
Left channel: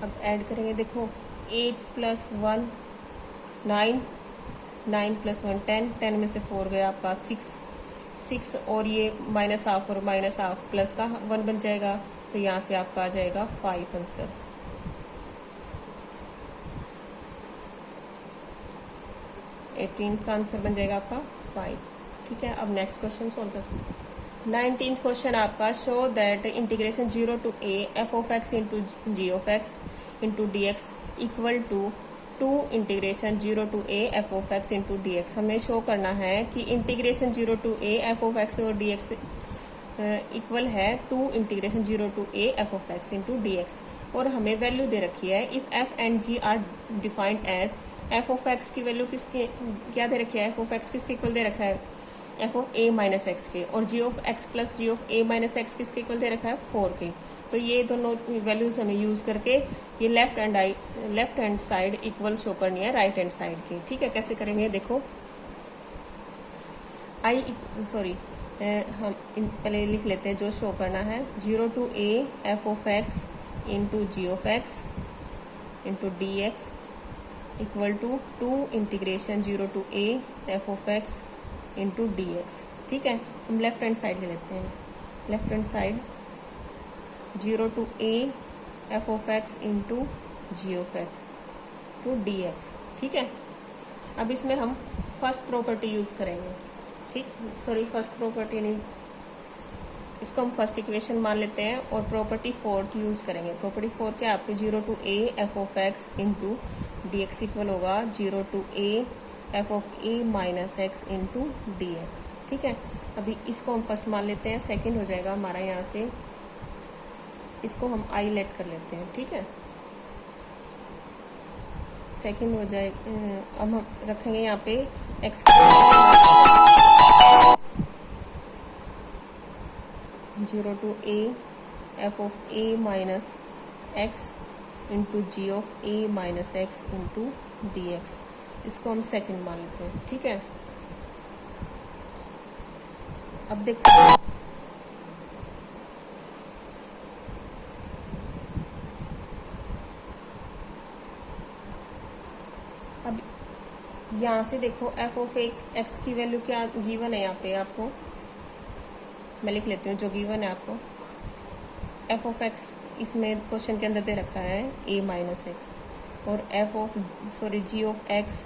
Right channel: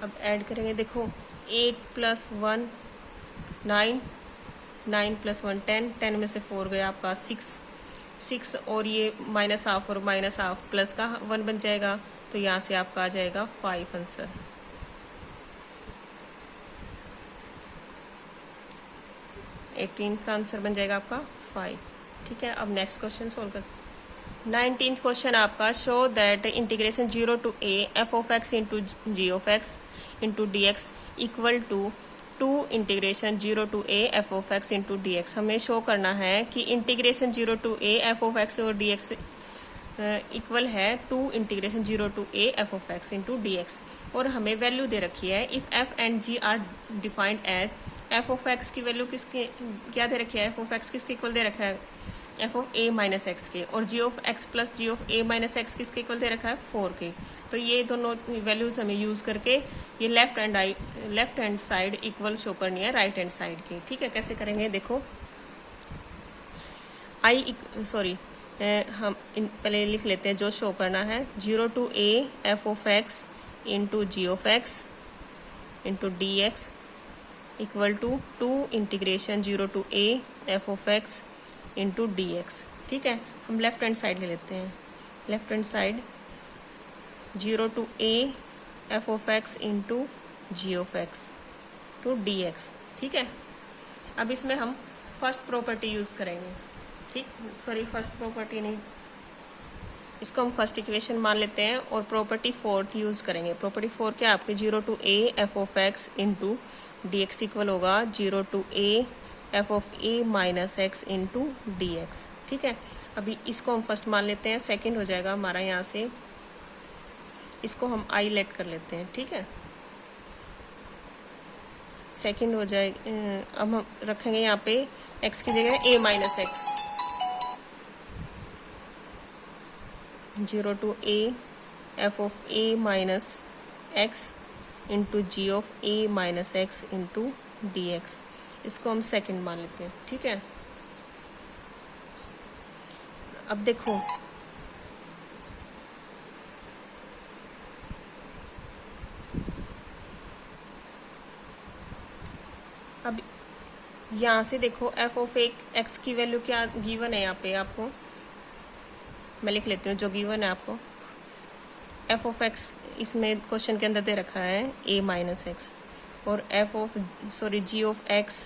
अब ऐड करेंगे, देखो 8 + 1 9, 9 + 1 10, 10 में से 4 गया आपका 6 और ये -½ और -½ प्लस का 1 बन जाएगा, तो यहाँ से आपका आ जाएगा 5 आंसर। का आंसर बन जाएगा आपका 5। ठीक है, अब नेक्स्ट क्वेश्चन सॉल्व करते हैं। 19th क्वेश्चन आपका, show that integration 0 to a f(x) into g(x) into dx equal to 2 integration 0 to a f(x) into dx। हमें शो करना है कि इंटीग्रेशन 0 to a f(x) और dx इक्वल है 2 integration 0 to a f(x) into dx, और हमें value दे रखी है if f and g are defined as f(x) की वैल्यू किसके क्या दे रखी है, f(x) किसके इक्वल दे रखा है f(a-x) के, और g(x) प्लस g(a-x) किसके इक्वल दे रखा है 4 के। तो ये दोनों वैल्यूज हमें यूज़ करके ये left hand side equal show करनी है राइट हैंड साइड की। ठीक है, कैसे करेंगे, देखो हम पहले लिख लेते हैं जो शो करना है, 0 to a f of x into g of x into d x equal to 2 integration 0 to a f of x into d x. ठीक है, हम लेफ्ट हैंड साइड ले लेते हैं। Left hand side 0 to a f of x into g of x to d x. ठीक है, अब इसमें हम फर्स्ट प्रॉपर्टी यूज़ करेंगे। ठीक, सॉरी फर्स्ट प्रॉपर्टी नहीं, इसको हम फर्स्ट इक्वेशन मान लेते हैं और प्रॉपर्टी फोर्थ यूज़ करेंगे। प्रॉपर्टी फोर क्या है आपकी, 0 to a f of x into d x equal होगा 0 to a f of a minus x into d x. ठीक है, अभी इसको हम फर्स्ट मान लेते हैं, सेकंड हो जाएगा हमारा यहाँ से, इसको हम आई लेट कर लेते हैं। ठीक है, सेकंड हो जाए, अब हम रखेंगे यहाँ पे x की जगह a minus x, 0 to a f of a minus x into g of a minus x into d x, इसको हम सेकंड मान लेते हैं। ठीक है, अब देखो अब यहाँ से देखो f ऑफ x की वैल्यू क्या गिवन है, यहाँ पे आपको मैं लिख लेती हूँ जो गिवन है आपको। f ऑफ x इसमें क्वेश्चन के अंदर दे रखा है a माइनस एक्स, और g of x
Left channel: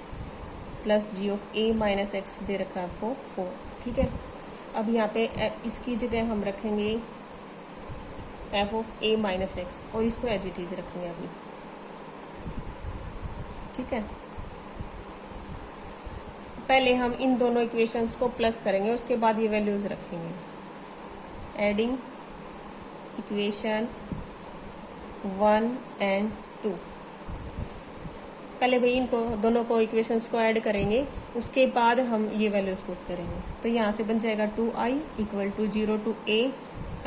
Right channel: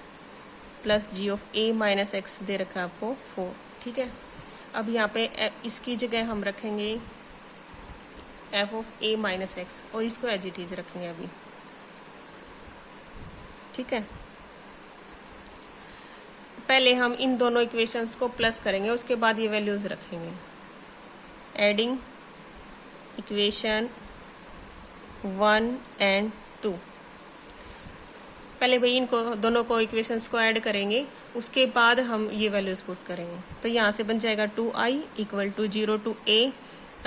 plus g of a minus x दे रखा है आपको 4। ठीक है, अब यहाँ पे इसकी जगह हम रखेंगे f of a minus x और इसको एज इट इज रखेंगे अभी। ठीक है, पहले हम इन दोनों इक्वेशंस को प्लस करेंगे, उसके बाद ये वैल्यूज रखेंगे। एडिंग इक्वेशन 1 and 2, पहले भाई इनको दोनों को इक्वेशंस को ऐड करेंगे, उसके बाद हम ये वैल्यूज पुट करेंगे। तो यहाँ से बन जाएगा 2i equal to 0 to a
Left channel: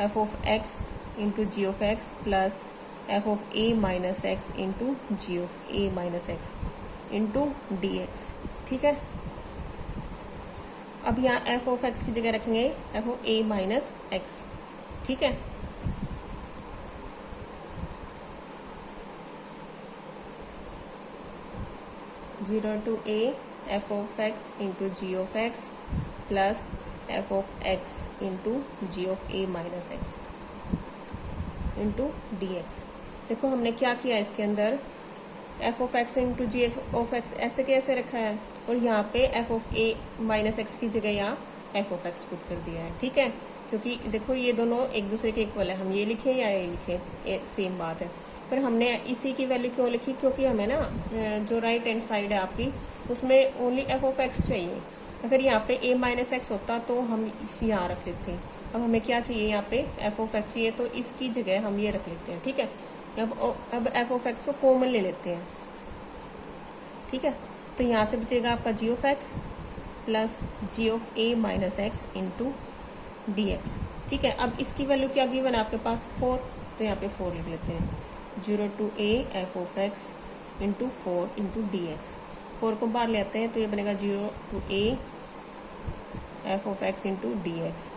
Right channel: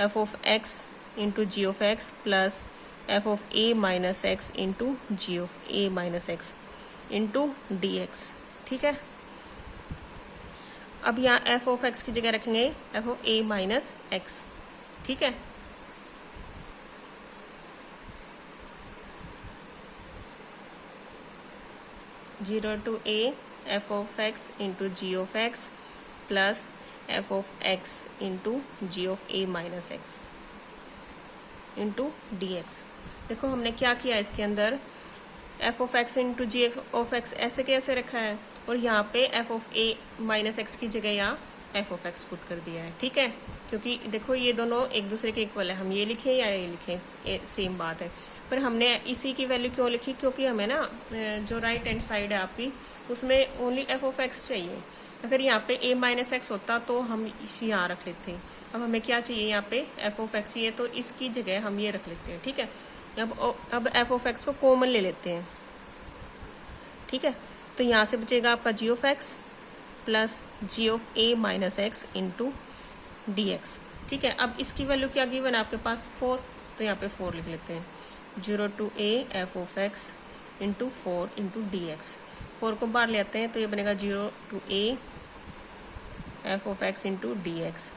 f of x into g of x plus f of a minus x into g of a minus x into d x. ठीक है, अब यहाँ f ऑफ x की जगह रखेंगे f of a minus x. ठीक है, zero to a f of x into g of x plus f of x into g of a minus x into d x. देखो हमने क्या किया इसके अंदर, f of x into g of x ऐसे कैसे रखा है, और यहाँ पे f of a minus x की जगह यहाँ f ऑफ x पुट कर दिया है। ठीक है, क्योंकि देखो ये दोनों एक दूसरे के इक्वल है, हम ये लिखें या ये लिखें सेम बात है, पर हमने इसी की वैल्यू क्यों लिखी, क्योंकि हमें ना जो राइट हैंड साइड है आपकी उसमें ओनली f ऑफ x चाहिए। अगर यहाँ पे a माइनस एक्स होता तो हम यहाँ रख लेते हैं। अब हमें क्या चाहिए यहाँ पे f ऑफ x चाहिए, तो इसकी जगह हम ये रख लेते हैं। ठीक है, अब f ऑफ x को कॉमन ले लेते हैं। ठीक है, तो यहाँ से बचेगा आपका g of x plus g of a minus x into d x. ठीक है, अब इसकी वैल्यू क्या गिवन है आपके पास 4, तो यहाँ पे 4 लिख लेते हैं, 0 to a f of x into 4 into d x. 4 को बाहर ले आते हैं तो ये बनेगा 0 to a f of x into d x.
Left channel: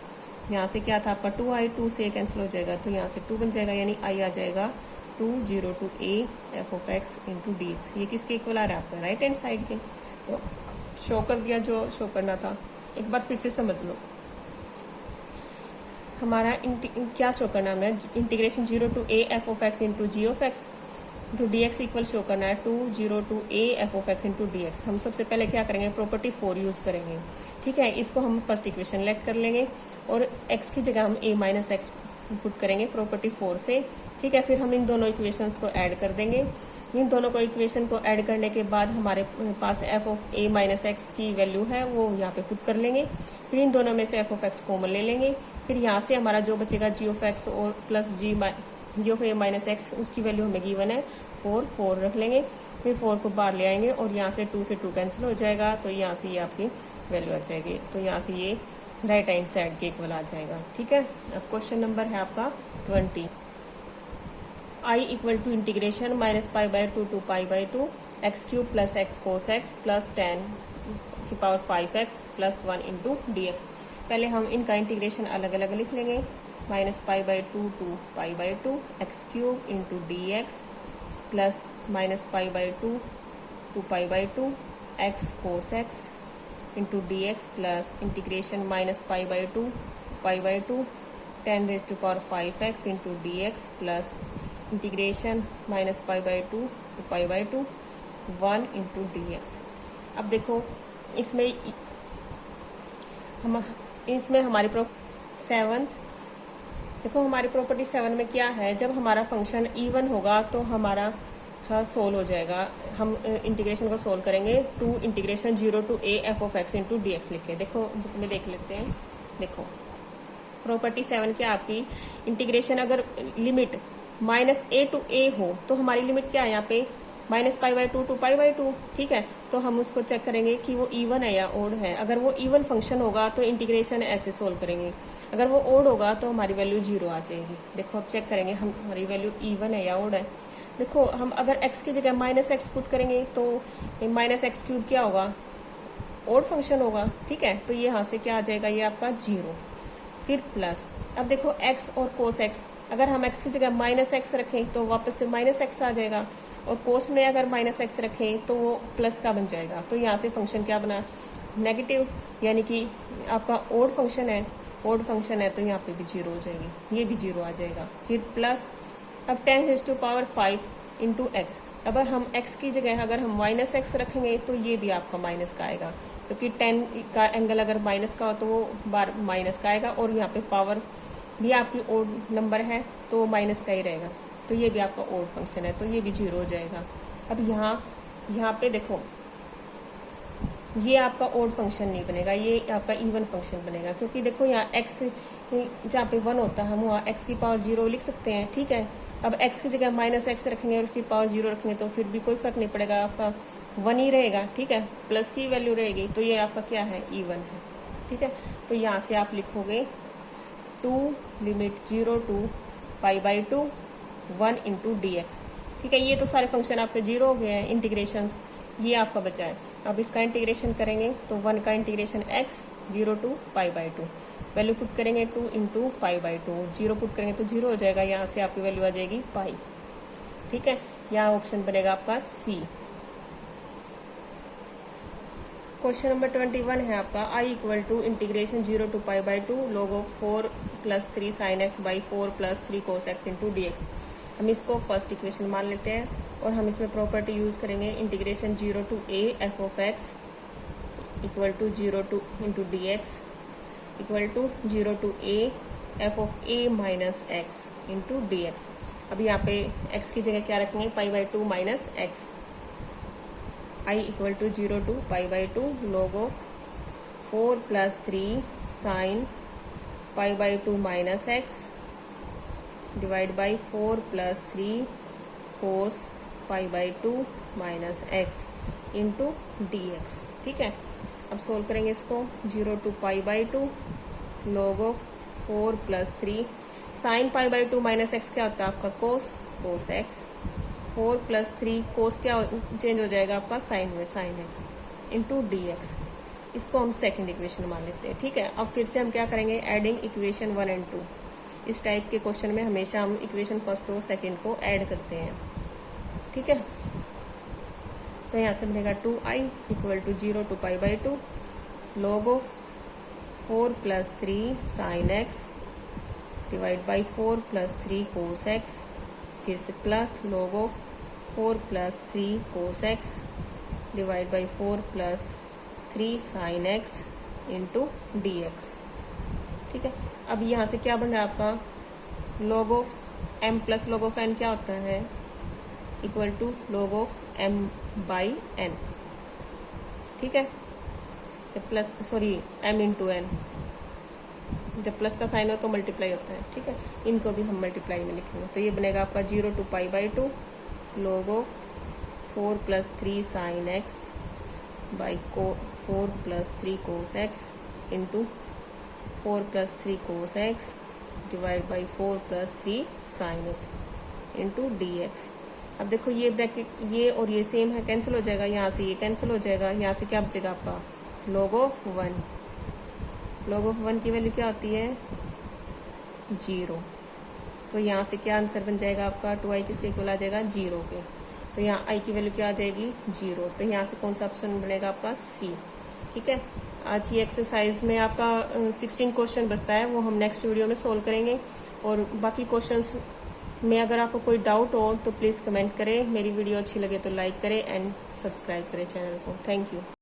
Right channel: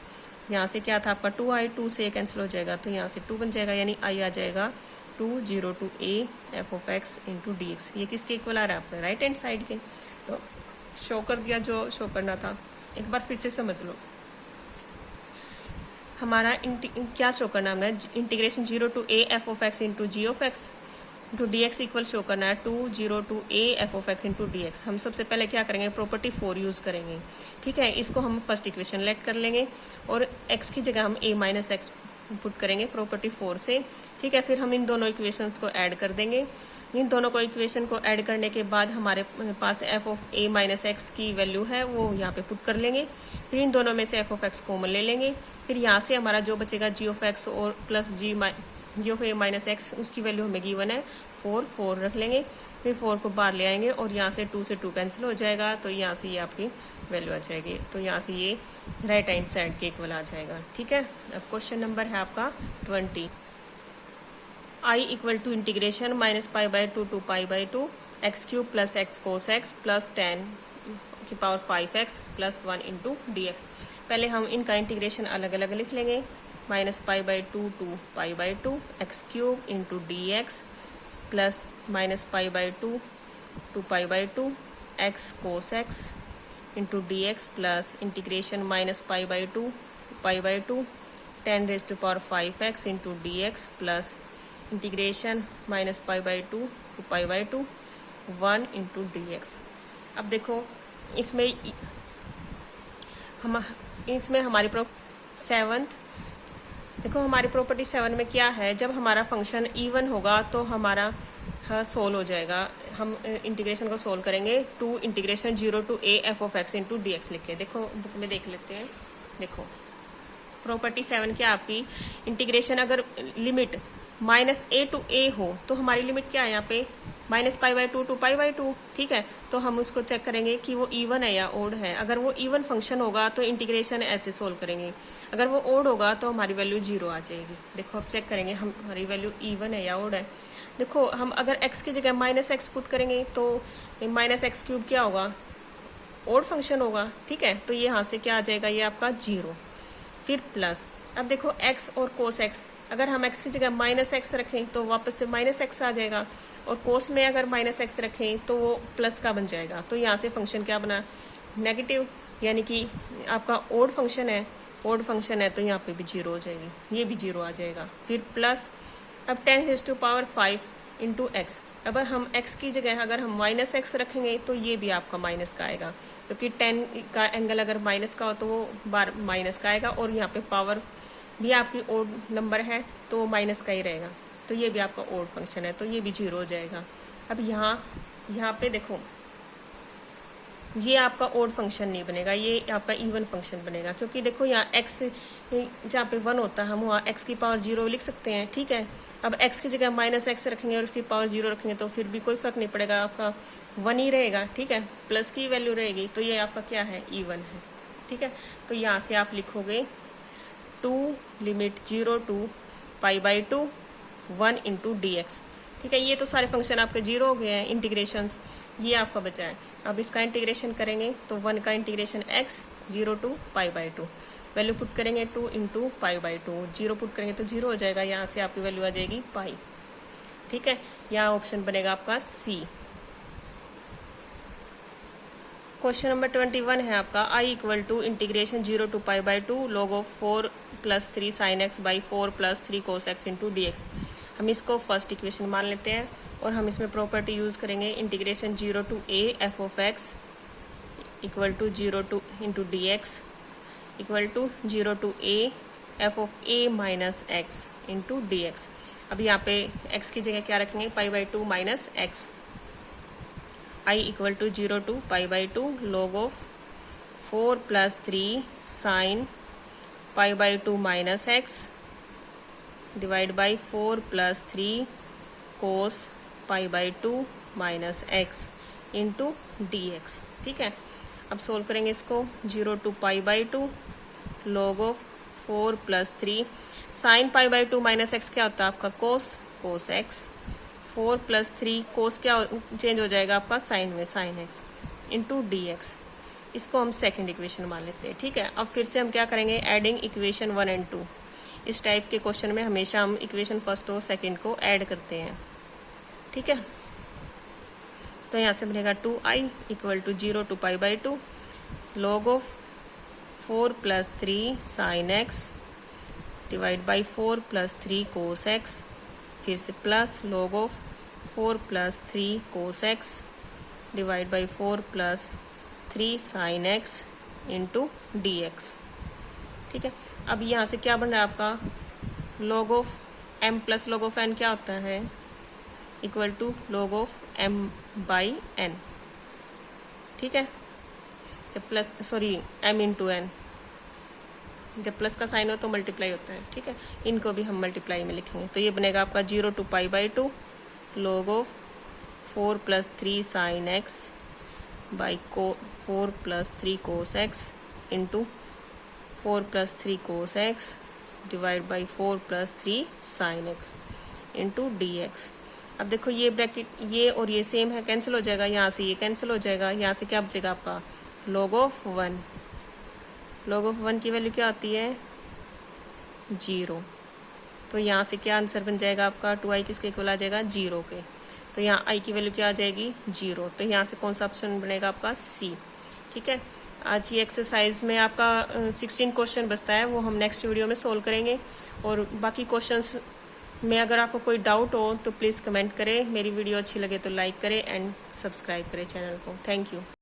यहाँ से क्या था आपका 2i, 2 से कैंसिल हो जाएगा, तो यहाँ से 2 बन जाएगा, यानी i आ जाएगा 2 0 to a f of x into d x. ये किसके इक्वल आ रहा है आपका, राइट हैंड साइड के। तो शो कर दिया जो शो करना था, एक बार फिर से समझ लो। हमारा क्या शो करना है, integration 0 to a f of x into g of x into d x equal show करना है 2 0 to a f of x into d x. हम सबसे पहले क्या करेंगे, प्रॉपर्टी 4 यूज़ करेंगे। ठीक है, इसको हम फर्स्ट इक्वेशन लेट कर लेंगे और x की जगह हम a माइनस एक्स पुट करेंगे प्रॉपर्टी 4 से। ठीक है, फिर हम इन दोनों इक्वेशंस को ऐड कर देंगे। इन दोनों को इक्वेशन को ऐड करने के बाद हमारे पास f of a minus x की वैल्यू है वो यहाँ पे पुट कर लेंगे। फिर इन दोनों में से f ऑफ x कॉमन ले लेंगे। फिर यहाँ से हमारा जो बचेगा g ऑफ x और plus g of a minus x, उसकी वैल्यू हमें गिवन है 4 रख लेंगे। फिर 4 को बाहर ले आएंगे और यहाँ से 2 से 2 कैंसिल हो जाएगा, तो यहाँ से ये आपकी वैल्यू आ जाएगी। तो यहाँ से ये राइट हैंड साइड के इक्वल आ जाएगा। ठीक है, अब क्वेश्चन नंबर है आपका 20। i equal to integration -π/2 to π/2 x³ plus x cos x plus tan की power 5x plus 1 into d x. पहले हम इनका इंटीग्रेशन अलग अलग लिख लेंगे, -π/2 to π/2 x cube into d x plus -π/2 to π/2 x cos x into d x plus integration -π/2 π/2 10⁵ into d x plus integration -π/2 to π/2 1 into d x. अब देखो इसमें हमारी 7th देखो हमारी प्रॉपर्टी 7 में क्या है, जब हमारा फंक्शन इवन होगा तो हमारा सोल्व हो जाएगा। हम इंटीग्रेशन को सोल्व करेंगे, 2 integration 0 to a f of x into d x लिखते हैं। देखो बुक में देख लेते हैं। देखो प्रॉपर्टी 7 क्या आपकी, इंटीग्रेशन अगर लिमिट -a टू a हो तो हमारी लिमिट क्या है यहाँ पे -π/2 टू π/2, ठीक है। तो हम उसको चेक करेंगे कि वो इवन है या ओड है। अगर वो इवन फंक्शन होगा तो इंटीग्रेशन ऐसे सोल्व करेंगे, अगर वो ओड होगा तो हमारी वैल्यू 0 आ जाएगी। देखो अब चेक करेंगे हमारी वैल्यू इवन है या ओड है। देखो हम अगर x की जगह -x पुट करेंगे तो -x³ क्या होगा, ओड फंक्शन होगा, ठीक है। तो ये यहाँ से क्या आ जाएगा, ये आपका 0, फिर प्लस। अब देखो x और कोस x, अगर हम x की जगह -x रखें तो वापस से -x आ जाएगा, और कोस में अगर -x रखें तो वो प्लस का बन जाएगा। तो यहाँ से फंक्शन क्या बना, नेगेटिव, यानी कि आपका ओड फंक्शन है तो यहाँ पे भी 0 हो जाएगी, ये भी 0 आ जाएगा, फिर प्लस। अब 10⁵ इंटू एक्स, अगर हम x की जगह अगर हम -x रखेंगे तो ये भी आपका माइनस का आएगा, क्योंकि 10 का एंगल अगर माइनस का हो तो वो बार माइनस का आएगा, और यहाँ पे पावर भी आपकी ओड नंबर है तो वो माइनस का ही रहेगा। तो ये भी आपका ओड फंक्शन है तो ये भी 0 हो जाएगा। अब यहाँ पे देखो ये आपका ओड फंक्शन नहीं बनेगा, ये आपका इवन फंक्शन बनेगा, क्योंकि देखो यहाँ x जहाँ पे 1 होता है हम वहाँ x की पावर 0 लिख सकते हैं, ठीक है। अब x की जगह -x रखेंगे और उसकी पावर 0 रखेंगे तो फिर भी कोई फर्क नहीं पड़ेगा, आपका 1 ही रहेगा, ठीक है, प्लस की वैल्यू रहेगी। तो ये आपका क्या है, इवन है, ठीक है। तो यहाँ से आप लिखोगे 2 limit 0 to π/2 1 into d x, ठीक है। ये तो सारे फंक्शन आपके 0 हो गए हैं, इंटीग्रेशंस ये आपका बचा है। अब इसका इंटीग्रेशन करेंगे तो 1 का integration x 0 to π/2, value put करेंगे 2 इंटू π/2, 0 पुट करेंगे तो 0 हो जाएगा, यहाँ से आपकी वैल्यू आ जाएगी पाई, ठीक है। यहाँ ऑप्शन बनेगा आपका सी। क्वेश्चन नंबर 21 है आपका, i = integration 0 to π/2 log of 4 + 3 sin x by 4 + 3 cos x into d x. हम इसको फर्स्ट इक्वेशन मान लेते हैं और हम इसमें प्रॉपर्टी यूज़ करेंगे, integration 0 to a f of x = 0 to into d x = 0 to a f of a minus x into d x. अब यहाँ पे x की जगह क्या रखेंगे, π/2 minus x। i = 0 to π/2 log of 4 + 3 sin π/2 minus x divide by 4 + 3 cos π/2 minus x into d x, ठीक है। अब सोल्व करेंगे इसको, 0 to π/2 log of 4 + 3 sin π/2 minus x क्या होता है आपका, cos x, 4 + 3 cos क्या चेंज हो जाएगा आपका साइन में, sin x into d x. इसको हम सेकंड इक्वेशन मान लेते हैं, ठीक है। अब फिर से हम क्या करेंगे, एडिंग इक्वेशन 1 और 2। इस टाइप के क्वेश्चन में हमेशा हम इक्वेशन फर्स्ट और सेकंड को ऐड करते हैं, ठीक है। तो यहाँ से बनेगा 2i = 0 to π/2 log of 4 + 3 sin x divide by 4 + 3 cos x, फिर से plus log of 4 + 3 cos x divide by 4 + 3 sin x into d x, ठीक है। अब यहाँ से क्या बन रहा है आपका, log of m + log of n क्या होता है, = log of m by n, ठीक है। प्लस m इंटू n, जब प्लस का साइन हो तो मल्टीप्लाई होता है, ठीक है। इनको भी हम मल्टीप्लाई में लिखेंगे, तो ये बनेगा आपका 0 to π/2 log of 4 + 3 sin x by 4 + 3 cos x into 4 + 3 cos x divide by 4 + 3 sin x into d x. अब देखो ये ब्रैकेट ये और ये सेम है, कैंसिल हो जाएगा, यहाँ से ये कैंसिल हो जाएगा, यहाँ से क्या बचेगा आपका log of 1, log of 1 की वैल्यू क्या आती है 0। तो यहाँ से क्या आंसर बन जाएगा आपका 2i किसके इक्वल आ जाएगा 0 के। तो यहाँ i की वैल्यू क्या आ जाएगी 0। तो यहाँ से कौन सा ऑप्शन बनेगा आपका C। ठीक है, आज ये एक्सरसाइज में आपका 16 क्वेश्चन बचता है, वो हम नेक्स्ट वीडियो में सोल्व करेंगे। और बाकी क्वेश्चंस में अगर आपको कोई डाउट हो तो प्लीज़ कमेंट करें। मेरी वीडियो अच्छी लगे तो लाइक करें एंड सब्सक्राइब करें चैनल को। Thank you.